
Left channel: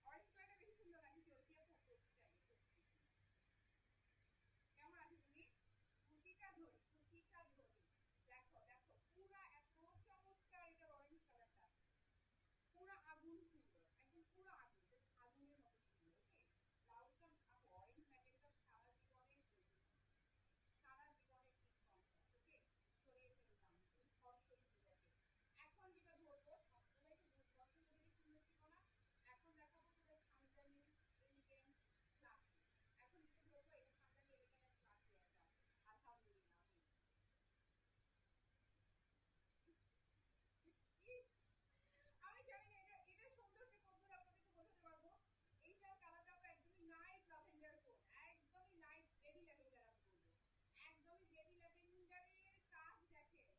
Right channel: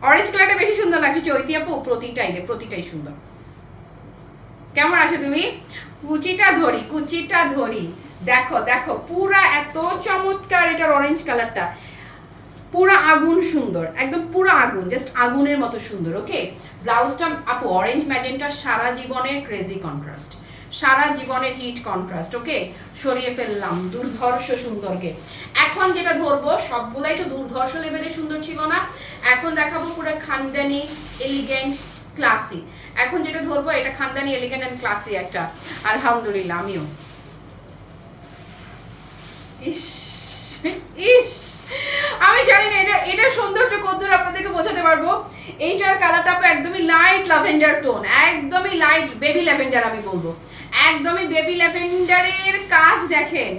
অরেঞ্জ কালারটা বেশি সুন্দর লাগছে চৈতি আপু, প্রতিটাই সুন্দর। কেমন আছো তুমি? কুচিটা ধরি দেখো পুরা এত চমৎকার। এটার অরেঞ্জ কালারটা পুরা আগুন সুন্দর, একদম পুরা আগুন, জাস্ট আগুনের মতো সুন্দর। ওকে ব্লাউজটা আপু অরেঞ্জ ম্যাজেন্টার সারা জীবনের ক্রেজি কন্ট্রাস্ট, সারা জীবনের হিট কন্ট্রাস্ট। ওকে সরিয়ে ফেললাম দুর্ধর্ষ সুন্দরকে। এখন যেটা ধরবো সবগুলাই তো দুর্ধর্ষ লেভেলের সুন্দর ছিল না, এখন দেখাবো পুরো খানদানি এলিগেন্ট ক্লাসি। এখন যেটা ধরবো এটা খানদানি এলিগেন্ট এন্ড ক্লাসি একটা, আলহামদুলিল্লাহ। আমিও ইস ইস আমি জানি না এটা সৌন্দর্য কতদূর আপনাদেরকে বোঝাতে পারবো। এইটার কালারটা একদমই লাইট ল্যাভেন্ডার টোন, একদমই লাইট বেবি ল্যাভেন্ডার আমি বলবো, একদমই বেবি ল্যাভেন্ডারের কাজ দেখেন,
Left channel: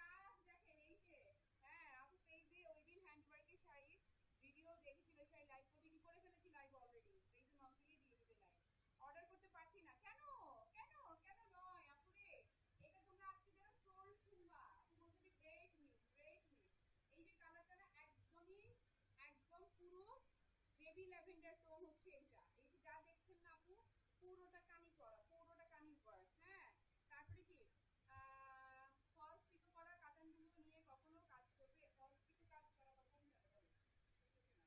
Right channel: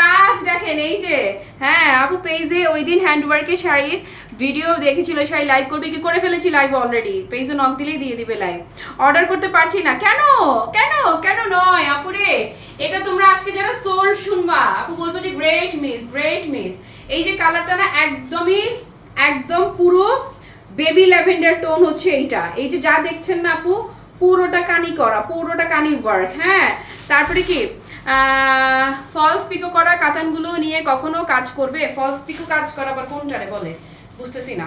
কাজ দেখেন। এই যে হ্যাঁ আপু পেজে ওই দিন হ্যান্ডওয়ার্কের শাড়ির ভিডিও দেখেছিল, শাড়ি লাইভ করবে কি, করে ফেলেছি লাইভ অলরেডি, পেজে নক দিলেই দিয়ে দিবে লাইভ। অর্ডার করতে পারছি না কেন, কেন কেন নয় আপুরে, এটা তোমরা আজকে যারা সোল শুনবা আপু বলবো যে গ্রেট মিস, গ্রেট মিস। এই যে কালারটা না একদমই একদম পুরো বেবি ল্যাভেন্ডার টোন হচ্ছে এইটা। এই যে যা দেখছেন না আপু পুরোটা কানি করা, পুরোটা কানি ওয়ার্ক। হ্যাঁ তারপরে কি ফলস পিকো করা কাতানগুলো নিয়ে কখনো কাজ করবে? ফলস পিকো কাজ করা আবার কোনটারে বলে বুঝতেছি না।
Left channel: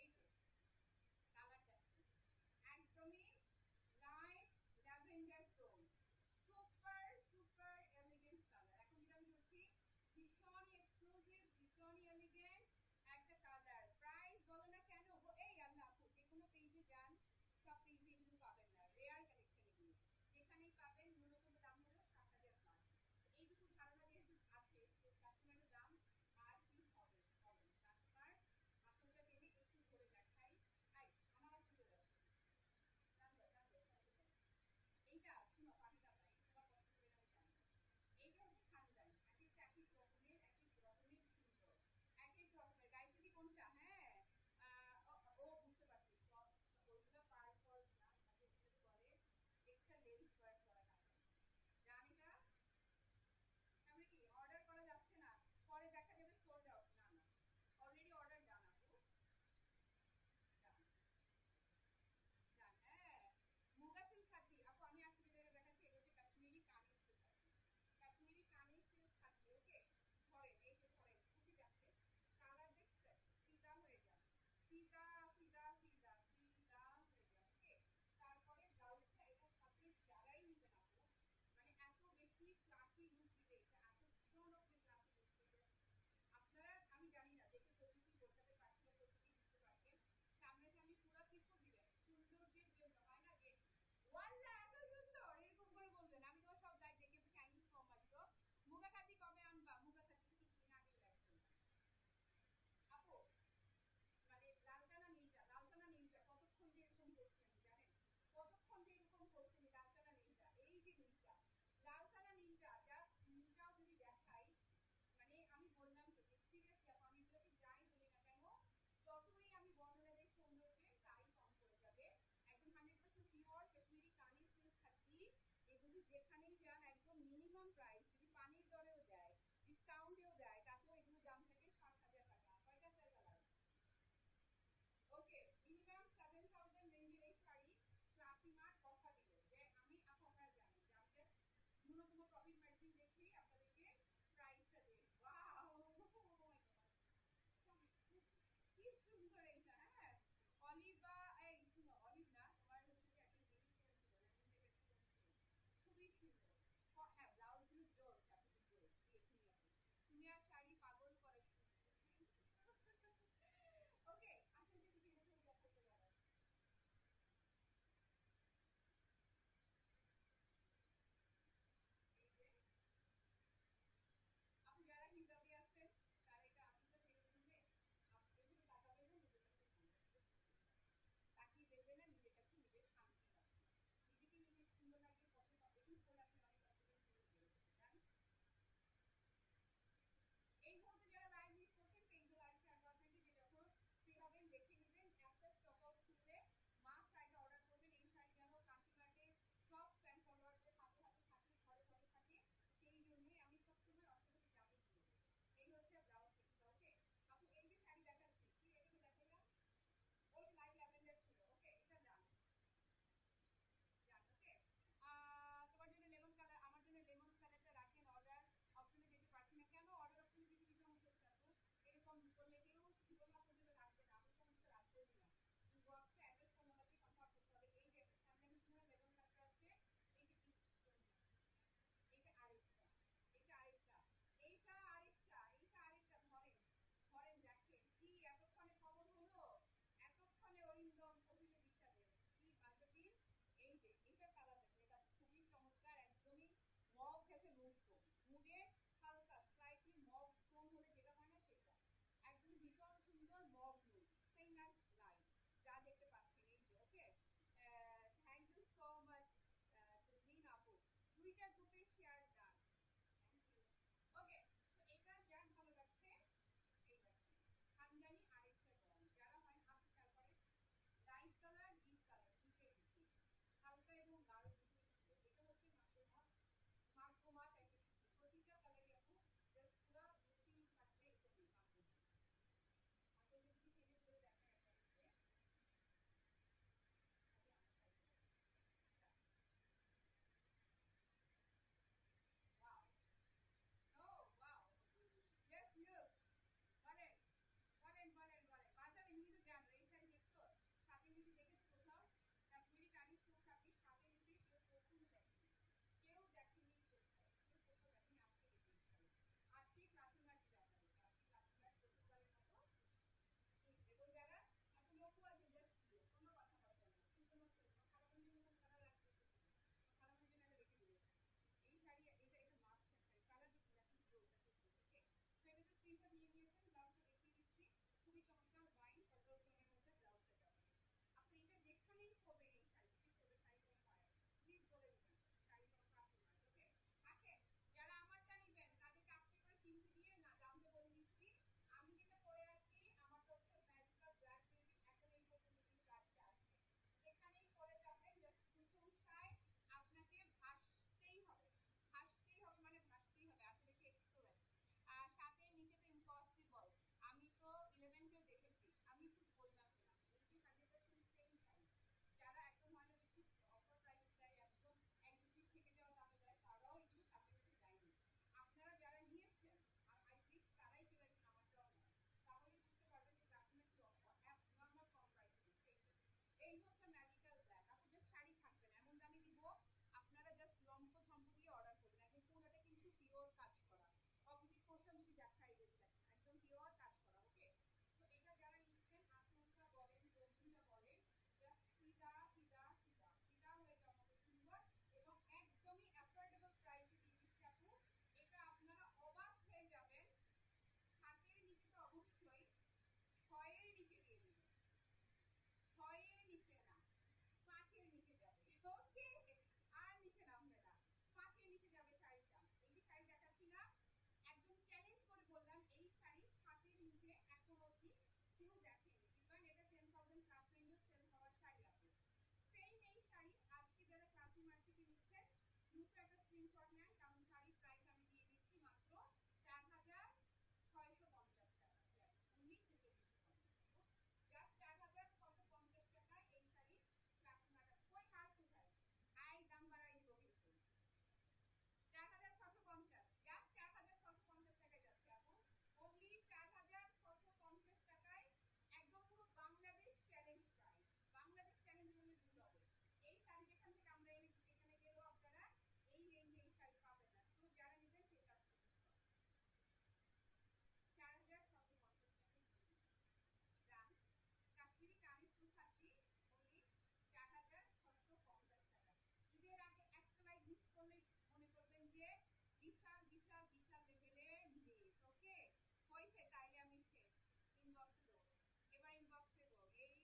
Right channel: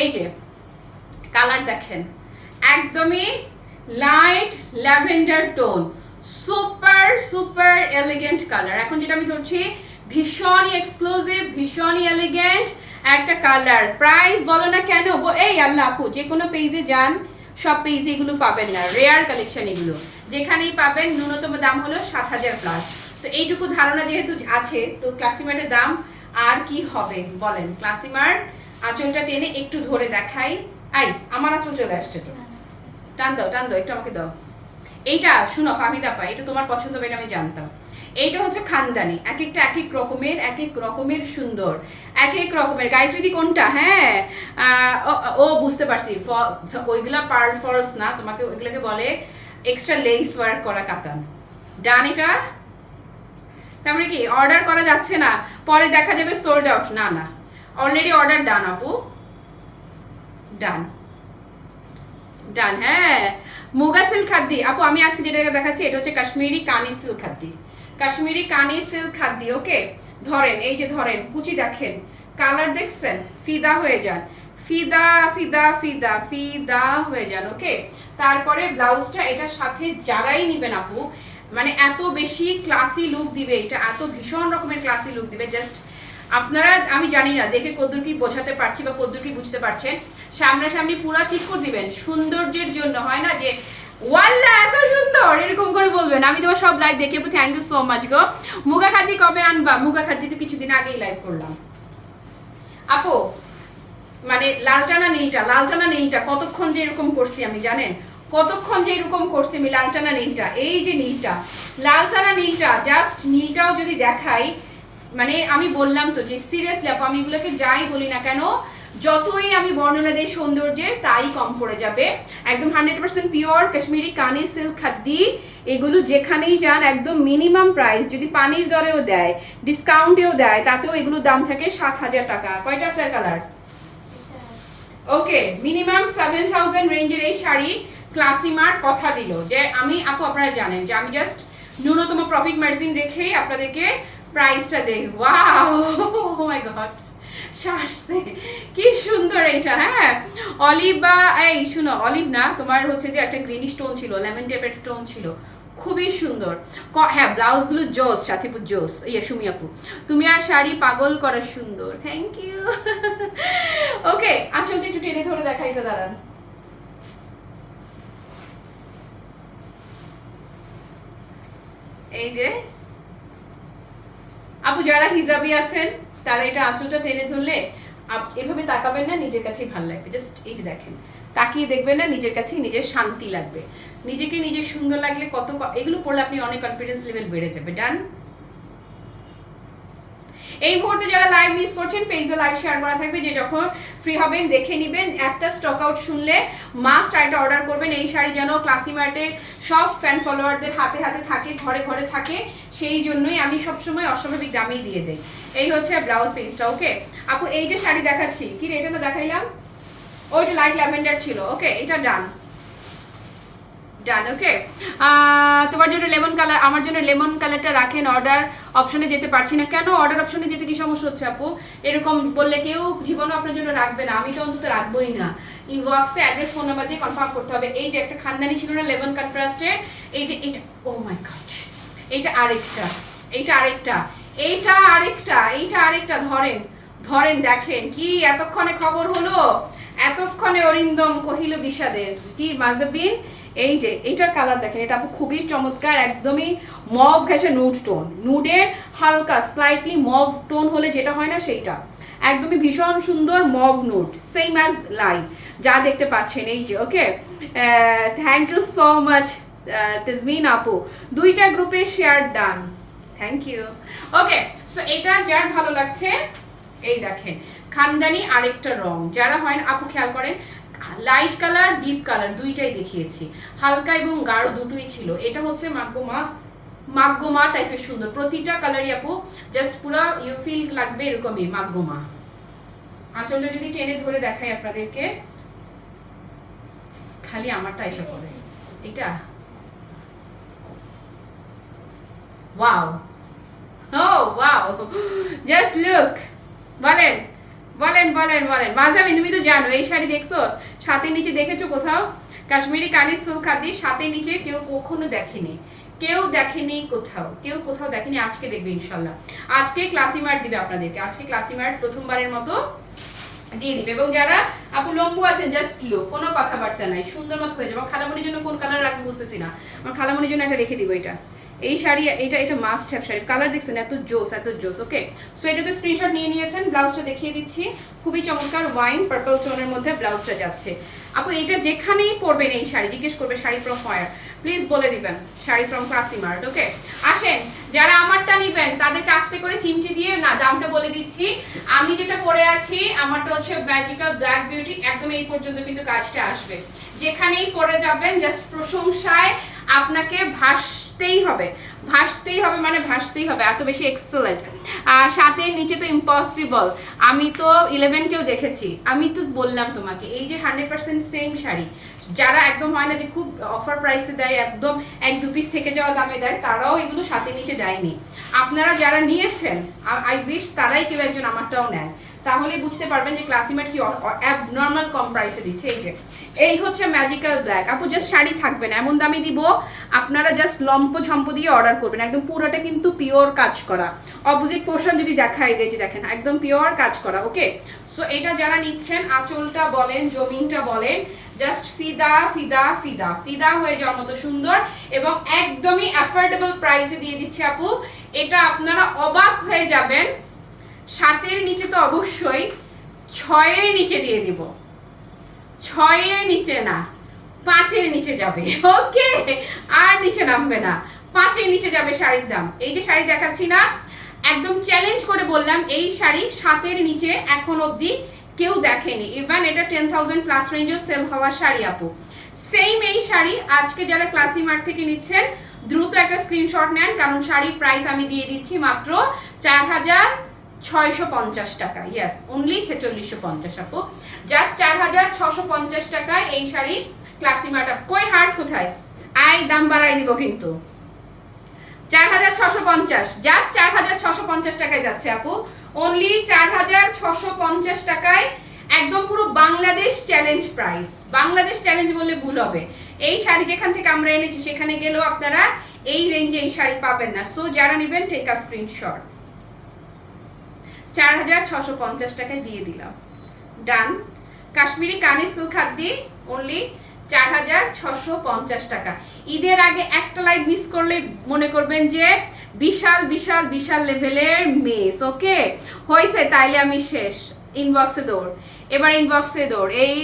এই যে কালার দেখেন একদমই light lavender tone, super super elegant colour. এখন যেটা আমি ধরছি ভীষণই এক্সক্লুসিভ, ভীষণই এলিগেন্ট একটা কালার। প্রাইস বলো না কেন, এই আল্লাহ আপু যে কোনো পেজে যান সব পেজে এগুলো পাবেন না, রেয়ার কালেকশন এগুলো, যেখানেই পাবেন ন্যূনতম দাম হলো 7000 প্লাস। তো এইটুকু ধারণা যেহেতু আছে তো ক্লাসিমার্টের দাম আর কি হবে বলেন। ক্লাসিমার আঁচলটা টেনে একটু ধরে দেখাই, আই আমার আঁচল চলে আসছে তো, টান দাও টান দাও একটু আমাকে দাও। এইটা শুনো ফাহিদা পা, এটা তোমার পছন্দ হবে এটা আমি জানতাম। এইটা হচ্ছে খানদানি, এক একটা এক এক রকমের, এক এক রকমের সুন্দর, এক এক রকমের। গায়ত্রী কোনটা? হ্যাঁ ও বুঝতে পারছি, ওইগুলা পার্ল ফলস না, তোমাকে ওইগুলোকে বলে এক্সট্রা লেস ওয়ার্ক করা কাতান। ডান এটা? তারপরে কি অর্ডার করা যাচ্ছে না, পরে দেখা যাবে সোল্ড আউট? না না অলরেডি অর্ডার ডান আপু, ডান ডান। হ্যাঁ মুগা সিল্ক খাদ্দি আপু, আমি আজকে যেটা দেখাচ্ছি এটা হচ্ছে কাশ্মীরি কানি সিল্ক খাদ্দি, কাশ্মীরি কানি সিল্ক খাদ্দি। ওকে ধরেন, এই যে ধরেন কুচি দেখেন, কালার দেখছেন, ফিদা হয়ে যান, ফিদা ফিদা ফিদা ফিদা হয়ে যান। ওকে তারপরে ব্লাউজটা এটার সাথে যারাই নিবেন আপু মানে এত বেশি ক্লাসি লুক দিবে, এটা এত ভীষণ রকমের ক্লাসি লুক দিবে। জাস্ট আপনারা আমি জানি না দেখে কদ্দুর কি বোঝাতে পারছি বা কদ্দুর কি বুঝতে পারছেন, সামনাসামনি পুরা চিক করে দিবেন সৌন্দর্যের জন্য। হয় না যে ওয়াল্লা এত সুন্দর এরকম করে বলবেন। আমি তোমার সব লাইভ দেখে থ্যাংক ইউ সো মাচ গো। মুগা খাদ্দি কবে আনবা? মুগা খাদ্দি তো কিছুদিন আগেই লাইভ করলাম আপু। মানে লালটানা নীলটা, লালটানা নীলটা কতক্ষণ যে এরকম করছি আমি জানেন, কতক্ষণ যে এরকম করছি আমি লালটানা নীলটা। এই যে নীলটা, লালটানা নীলটা, জাস্ট নীলটাও যদি দেখাই, মানে আমি বললাম তো যে সিরিয়াসলি আপু আমি এগুলোকে যাই বলি না কেন, যতই আমি বর্ণনা দেই সৌন্দর্যের তাই কম পড়ে যাবে। একদম 100% পিওর কাশ্মীরি কানি সিল্ক খাদ্দি, এগুলো যেখানেই যান একদম মিনিমাম প্রাইস, যদি পানির দরেও দেয় ডিসকাউন্টেও দেয় তাতেও এগুলোর দাম থাকে 7000 টাকা। কয়টা স্যার কালার? ওকে মিনিমাম 7000 রেঞ্জের এই শাড়ি ক্লাসিমার্ট কথা দিল যে আমি আপু আপনারা জানেন যে আমি জাস্ট ন্যূনতম প্রফিট মার্জিন রেখেই আপনাদেরকে প্রাইসটা দেই। ওয়াও ও মাই গড শার্টসে কি সুন্দর এইটা। হ্যাঁ অলিভ বা এই শুনো অলিভ না, তোমার হচ্ছে যে একটা গ্রিনিশ টোন ছিল, লেমন টাইপের টোন ছিল, খুবই সুন্দর। হ্যাঁ ব্লাউজগুলো জোস, সাথীপুর জোস। ইয়ে সুমি আপু তুমি আর শাড়ি পাগল করা সুন্দর, থ্যাংক ইউ। ওকে আঁচলটা একটু টেনে ধরে দেখাই তো, দাঁড়ান। এই যে আপু যারা হিজাবি আছেন তারা এটা আঁচলটা টেনে ধরলে এভাবে তাকাবেন না, নিজের কাছেই ভালো লাগবে। জাস্ট এই যে দেখেন, তাকিয়ে দেখবেন না, নিজের কাছেই নিজের শান্তি লাগবে, নিজেকে নিজের সুন্দর লাগলে কত এগুলো পড়লে আপনি অনেক কনফিডেন্স লেভেল বেড়ে যাবে। ডান। এই মুহূর্তে যারা লাইভ মিস করছেন পেজে লাইভ শেয়ার করা থাকবে, যে যখন ফ্রি হবেন দেখে নেবেন। একটা স্টক আউট শুনলে মাস্ট একটা অর্ডার করবেন। এই শাড়ি যেন ক্লাসিমার্টের সব ফ্যান ফলোয়ারদের হাতে হাতে থাকে, ঘরে ঘরে থাকে, সেই জন্যই আমি সবসময় অস্বাভাবিক দামেই দিয়ে দেই। এই হচ্ছে ব্লাউজ পিসটা। ওকে আপু এই যে শাড়ি দেখাচ্ছি, কি রে এটা না দেখাইলাম, ওইটা লাইট ল্যাভেন্ডার ছিল। ওকে এটা ডান ডান। ওকে তোমার জন্য লেমন কালার, আমার জন্য লেমন কালারটা রাখেন। অর্ডার অপশনে যেতে পারছি না কেন? অর্ডার অপশনে যেতে কি সমস্যা হচ্ছে আপু? এরকম বললে কেউ জীবনে আপনার জন্য রাখবে না, আমি তো অন্তত রাখবোই না। ইনবক্সে অ্যাড্রেস ফোন নাম্বার দিয়ে কনফার্ম করতে হবে। এই যে একটা খানদানি ছিল না লেমন কন্ট্রাস্টের, এই যে এটা, ও মাই গড এইটা আরেকটা, এইটা আরেকটা, এইটা আরেকটা, এইটা আরেকটা। ধরেন ধরেন দেখেন কি এতক্ষণে খবর হলো, এতক্ষণে অরিন্দম কহিল বিষাদেশ কি মাজাবিন। এই যে এইটার কালার দেখেন, এটা আপু খুবই চমৎকার, একদমই মভ ঘেঁষে নুড টোন, নুডের হালকা স্লাইটলি মভ টোন হলে যেটা হয় না সেইটা, একদমই ভীষণ সুন্দর mauve nude, same as live যা দেখতে পাচ্ছেন। এই যে okay, thank you so much Tejmin আপু, দুইটা গ্রুপে share done, thank you. Okay, so এটা যার ভালো লাগছে, এই দেখেন খানদানি আরেকটা রং, যারা হয় না আপু খেয়াল করেন, লাইট কালার ডিপ কালার দুইটাই দেখিয়েছি, হালকা এবং গাঢ় দুটোই ছিল। এটা হচ্ছে মাগ্গোমা, মাগ্গোমা টাইপের সুন্দর, প্রতিটা কালারই আপু জাস্ট পুরো ইউ ফিল লাগবে এরকমই মাগ্গোমা। আঁচলটা যদি টেনে ধরে দেখাই আপনাদেরকে, খালি আমারটা এসে পড়ে এটা, ওয়াও, ও ওয়াও, জাস্ট লুক। বলেন বলেন বলেন বলেন মাজামিন, তুমি তো জানো এই শাড়ি দেখছো, সাথে নিচে দেখেছো কোথাও? কাশ্মীরি কানি সিল্ক খাদি সাথে নিচে কেউ কখনো দেখেনি, কেউ দেখেনি কোথাও, কেউ কোথাও দেখেনি, আজকে দেখবে ইনশাল্লাহ। আজকে ক্লাসি মার্ট দিবে আপনাদেরকে, আজকে ক্লাসি মার্ট প্রথমবারের মতো দিয়ে দিবে। এবং যারা আপু লম্বু আছেন জাস্ট লুক, কোনো কথাবার্তা নাই, সুন্দর মতো হয়ে যাবে। খালামণির জন্য কোন কালার রাখবো বুঝতেছি না, আমার খালামণির জন্য একটা রেখে দিব এটা, এই শাড়ি এটা, এটা মাস্ট হ্যাভ শাড়ি, কালার দেখছেন এত জোস এত জোস। ওকে, সো এটা তো স্ক্রিনশট নিয়ে নিয়েছেন, ব্লাউজটা দেখিয়ে দিচ্ছি, খুবই চমৎকার ওয়াইন পার্পল টোনের মধ্যে ব্লাউজটা যাচ্ছে। আপু এটা যেখানেই পরবেন এই শাড়ি, জিজ্ঞেস করবে শাড়ি ফ্রম ফায়ার, প্লিজ বলে দিবেন শাড়ি ফ্রম ক্লাসি মার্ট। ওকে, আসেন যারা আমারটা নিবেন তাদেরকে আস্তে করে চিমটি দিয়ে না দামটা বলে দিচ্ছি। আমি যেটা পরে আছি আমারটা হচ্ছে ম্যাজিক্যাল ব্ল্যাক বিউটি, একদম এই পর্যন্ত কিন্তু কাজটা আসবে, যেখানেই পরে যাবেন জাস্ট প্রশংসায় আপনাকে ভাসতেই হবে, ভাসতেই হবে, মানে ভাসতেই হবে, এত বেশি এক্সেলেন্ট। সাথে নিচে তো ইম্পসিবল, আমি তো 11 কেও দেখেছি, আমি তো বললাম তোমাকে এই যে 100% সেম শাড়ি, যারা একদম হয় না যে খুব অফার প্রাইসে দেয়, একদম এক দু পিস থেকে যাওয়া দামে দেয়, তারাও এগুলো সাথে নিচে দেয়নি। আপনারা যারা নিয়েছেন আই উইশ তারাই কেউ একজন আমারটাও নেন, তাহলে বুঝতে পারবেন যে ক্লাসিমেট কি অ্যাবনর্মাল কম প্রাইসে দিচ্ছে। এই যে এই হচ্ছে ম্যাজিক্যাল ব্ল্যাক, আপু জাস্ট শাড়ি থাকবে না, এমন দামে দিব আপনারা জাস্ট লম্প ঝম্প দিয়ে অর্ডার করবেন, একদম পুরোটা কিন্তু পিওর কাজ করা, অপোজিট পোর্শন যদি দেখাই দেয় যে দেখেন একদম পিওর কাজ করা। ওকে, সো এটা যারা নিচ্ছেন আঁচলটা বলেন জমিনটা বলেন জাস্ট ফিদা ফিদা ফিদা ফিদা হয়ে যাওয়ার মতো সুন্দর, এবং একদমই অ্যাফোর্ডেবল প্রাইসে দিয়ে দিচ্ছি আপু, এটা আপনারা অবাক হয়ে যাবেন। 7-এর নিচে তো অবশ্যই, 6-এর নিচে দিয়ে দিব, 6-এর নিচে না 5-এর নিচে যাবে। ওকে, আর নিচে নামবে না, 5-এর নিচে যাবে শাড়ির দাম। এই যে শাড়ি দেখাচ্ছি না, একদম চ্যালেঞ্জ করে বললাম এই শাড়ি 7-এর নিচে এখন অবধি কেউ দেখেনি, ইভেন এটা 10,000 প্লাস রেঞ্জেও সেল হওয়া শাড়ি আপু। সেম এই শাড়ি আজকে যারা ক্লাসি মার্ট থেকে নিচ্ছেন দ্রুত একটা স্ক্রিনশট নেন, কারণ শাড়ির প্রাইস আমি দিয়ে দিচ্ছি মাত্র 4,650 টাকা, ইয়েস অনলি 4650 আপু, জাস্ট 4,650 টাকায় এই শাড়ি ক্লাসি মার্ট। কই হার্ট কোথায়, আই দাম বাড়াই দিব কিন্তু, 4,650, জাস্ট 4,650 টাকায় যাচ্ছে আপু, অনলি 4,650 টাকায়, একদম পুরো Bangladesh challenge price, Bangladesh challenge বললে ভুল হবে। এই শাড়ি যেখান থেকে আমরা এনেছি সেখানে গেলেও আপনারা এই রেঞ্জে এই শাড়ি পাবেন না। সো যারা নেবেন টেক আ স্ক্রিনশট, 4,650 টাকায় দিয়ে দিলাম, ডান। কাশ্মীরি কানি সিল্ক খাদি অনলি 4,650 টাকা। ঈদের আগে একটা লাইভ মিস করলে মনে করবেন যে বিশাল বিশাল বিশাল লেভেলের মিস। ওকে হয়েছে, তাইলে আমি শেষ, ইনবক্সে দৌড়, এবার ইনবক্সে দৌড়। এই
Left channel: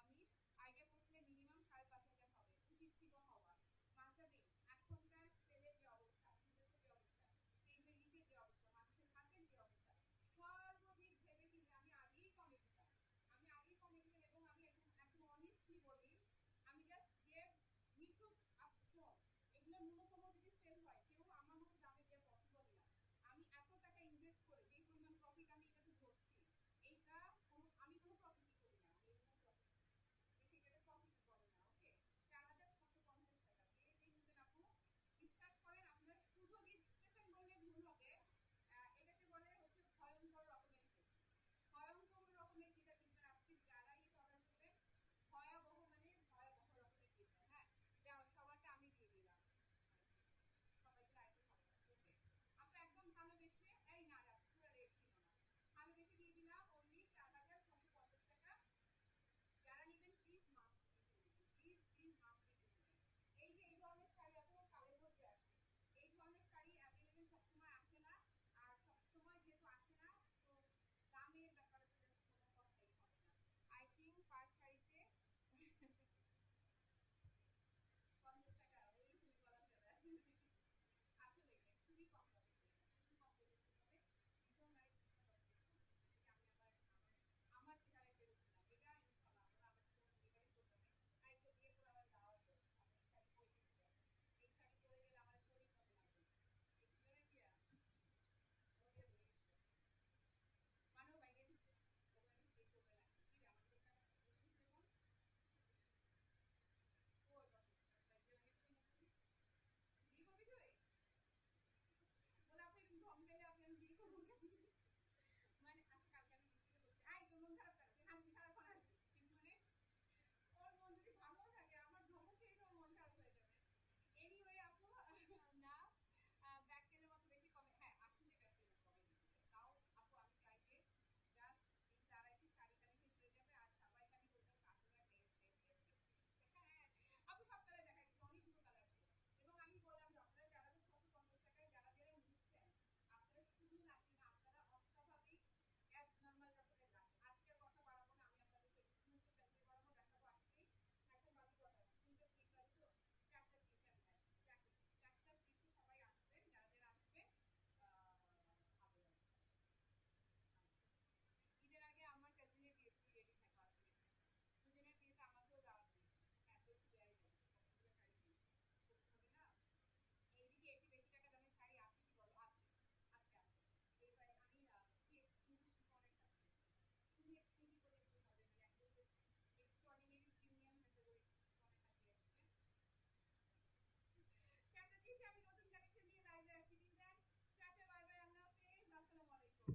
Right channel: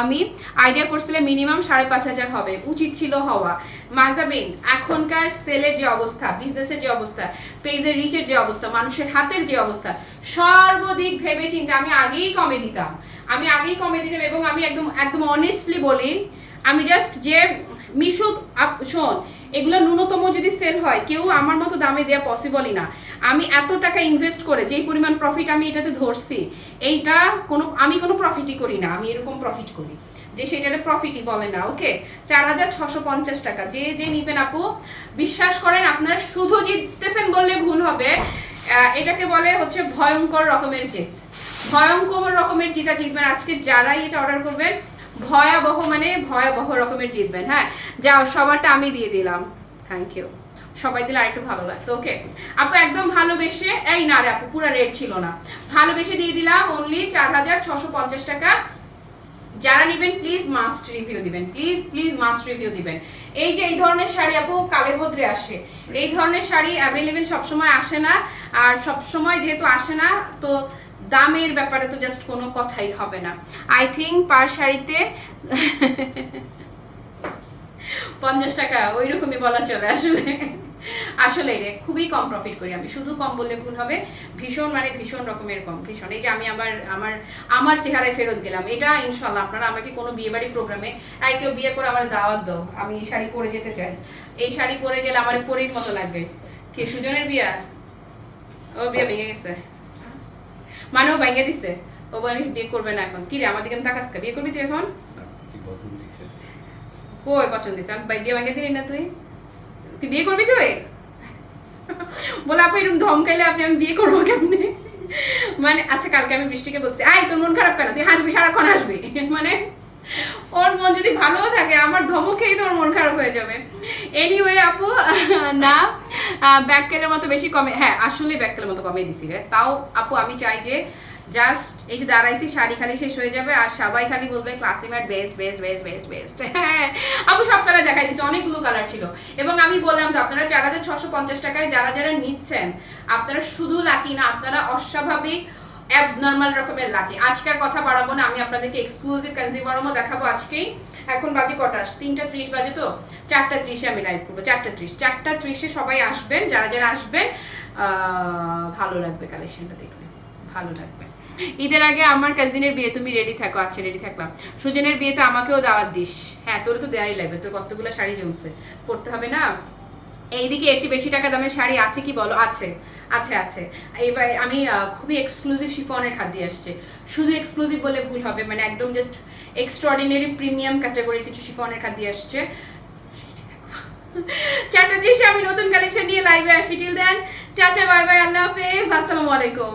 আমি আইডিয়া করছিলাম মিনিমাম 5,500 হবে, উচিত ছিল হওয়া। মাজাবিন এখনকার সেলের যে অবস্থা, বিজনেসের যে অবস্থা, পেজের রিচের যে অবস্থা, মানুষের হাতের যে অবস্থা, সর্বদিক ভেবে চিন্তে আমি আগেই কমে দিতাম, এবং আমি একদম একদম অনেস্টলি বলি, আমি জাস্ট যে মিশো শোন এগুলো ন্যূনতম যদি সেল হয় কেউ আমার মতো দামে দেওয়া পসিবলই না। আমি এত টাকা ইনভেস্ট করে যেই পরিমাণ প্রফিট আমি এটাতে ধরছি, এইটা আমি কোনো প্রফিটই করি না, আমি এরকম প্রফিট করি যে সেটাতে প্রফিটই বলে না। ওকে, 4,650 টাকা, যে যে নিবেন আপু বিশ্বাস করেন আপনারা শুধু জিততেছেন বললে ভুল হবে, এটাকে বলে হচ্ছে ভয়ঙ্কর রকমের জিত, ভয়ঙ্কর রকমের জিতা জিতবেন আজকে যারাই এটা অর্ডার করবেন, ভয়াবহ মানে ভয়াবহ রকমের জিতবেন। হ্যাঁ যাও, সবারটা আমি দিয়ে দিলাম, থ্যাংক ইউ, সবাই দিলে আরেকটু ভালো লাগতো। ওকে আপু একদম ভালোবেসে, এই না রে আপু পুরো রেট ছিল না, ভালোবেসে দিয়ে দিলাম অনলি 4650 টাকা। যারা নেবেন প্লিজ মাস্ট রিভিউ দিবেন, প্লিজ প্লিজ মাস্ট রিভিউ দিবেন। এই যে এই ধরনের শাড়ি আপু কালে ভদ্রে আসে, এই ধরনের শাড়ি অ্যাভেলেবেল সবসময় আসে না, আর সবসময় যেহেতু আসে না তো দামের ব্যাপারে তো জাস্ট কোনো কথাই হবে না। আই থিঙ্ক পার শাড়িতে 50 টাকা ওই রকমই বলা চলে। আসলে আসলে রে খুবই কম প্রফিট করি আমি, শুধু কম বললে ভুল হবে, ভীষণ মানে ভীষণ রকমের কম, ভীষণ। এই যে আমি আমার আমার আমার চেহারায় ফেরত গেলাম, এটা ইনশাল্লাহ আপনারা আমাকে কোনো বিয়ে বাড়ির প্রোগ্রামে কেউ বিয়ে করে আমার দাওয়াত দাও, আমি এই শাড়ি পরে যেতে চাই, এই শাড়ি পরে গেলে আমার পরের মতো লাগবে। কি সুজনের বিয়া? ও বিয়ে ভেঙে গেছে, মানে ও ভেঙে দিছে, ও বলে বিয়ে করবে না এখন। কি রে আমার দিকে তাকাস, বিয়ে করবি তুই এখন? কই পছন্দ দিছে, আমি বিয়ে ভেঙে দিলি না, তুই তুই বিয়ে করবি তুই? বলে আপু এরকম ধমকাইলে আপনি আমি বিয়ে করবো কেমনে? মানে আচ্ছা কালকে আমি বৃষ্টিকে বলছি, আই তোর মন খারাপ কেন, তুই হাসবি সারাক্ষণ হাসবি। মানে ওর মন যদি ভালো থাকে আমার ধমকেই তোর মন খারাপ হয়ে যাবে। এনিওয়ে আপু না ব্যাককেলের মতো বেশি কমে, হ্যাঁ আসলে ব্যাককেলের মতো কমে দিছি রে। তাও আপু আমি চাই যে জাস্ট এই যে দাঁড়াইছি শাড়ি খালি শেষ হয়ে যাবে আর সবাই খালি বলবে classmate best best best best best. হ্যাঁ আপু সব কালার দেখাই দিচ্ছি, অনেকগুলো কালার ছিল। এবং আমি বললাম তো আপনারা 4650 টাকায় যারা যারা নিচ্ছেন আপনারা শুধু লাকি না, আপনারা অস্বাভাবিক অ্যাবনর্মাল রকমের লাকি। আজকের কথা বাড়াবো না, আমি আপনাদেরকে এক্সক্লুসিভ কনজিউমারও দেখাবো আজকেই। এখন বাজে কটা? 3:30 বাজে, তো 4:30 আমি লাইভ করবো। 4:30 সবাই আসবেন, যারা যারা আসবেন ভালো লাগবে, কালেকশনটা দেখলে ভালো লাগবে। ঈদের আগে আমার কাজিনের বিয়ে, তুমি রেডি থাকো। আচ্ছা রেডি থাকলাম। সুজনের বিয়েতে আমাকেও দাওয়াত দিস। হ্যাঁ তোর তো দেয়াই লাগবে, তোর কতগুলো শাড়ি জমছে, পড়তে হবে না। এইদিকে এর চেয়ে বেশি টাকা দামের শাড়ি আছে কি বলো? আছে আছে আছে। এবার আমি খুবই এক্সক্লুসিভ শিফনের খাদ দিয়ে আসছে, শুধু এক্সক্লুসিভ বলে ভুল হবে, মানে একদম জাস্ট এক্সট্রাঅর্ডিনারি প্রিমিয়াম ক্যাটাগরির কিছু শিফনের খাদ দিয়ে আসছে। 4:30 আমি নতুন কালেকশন নিয়ে লাইভে আসছি। Till then tata bye bye, আল্লাহ হাফেজ, আসসালামু আলাইকুম।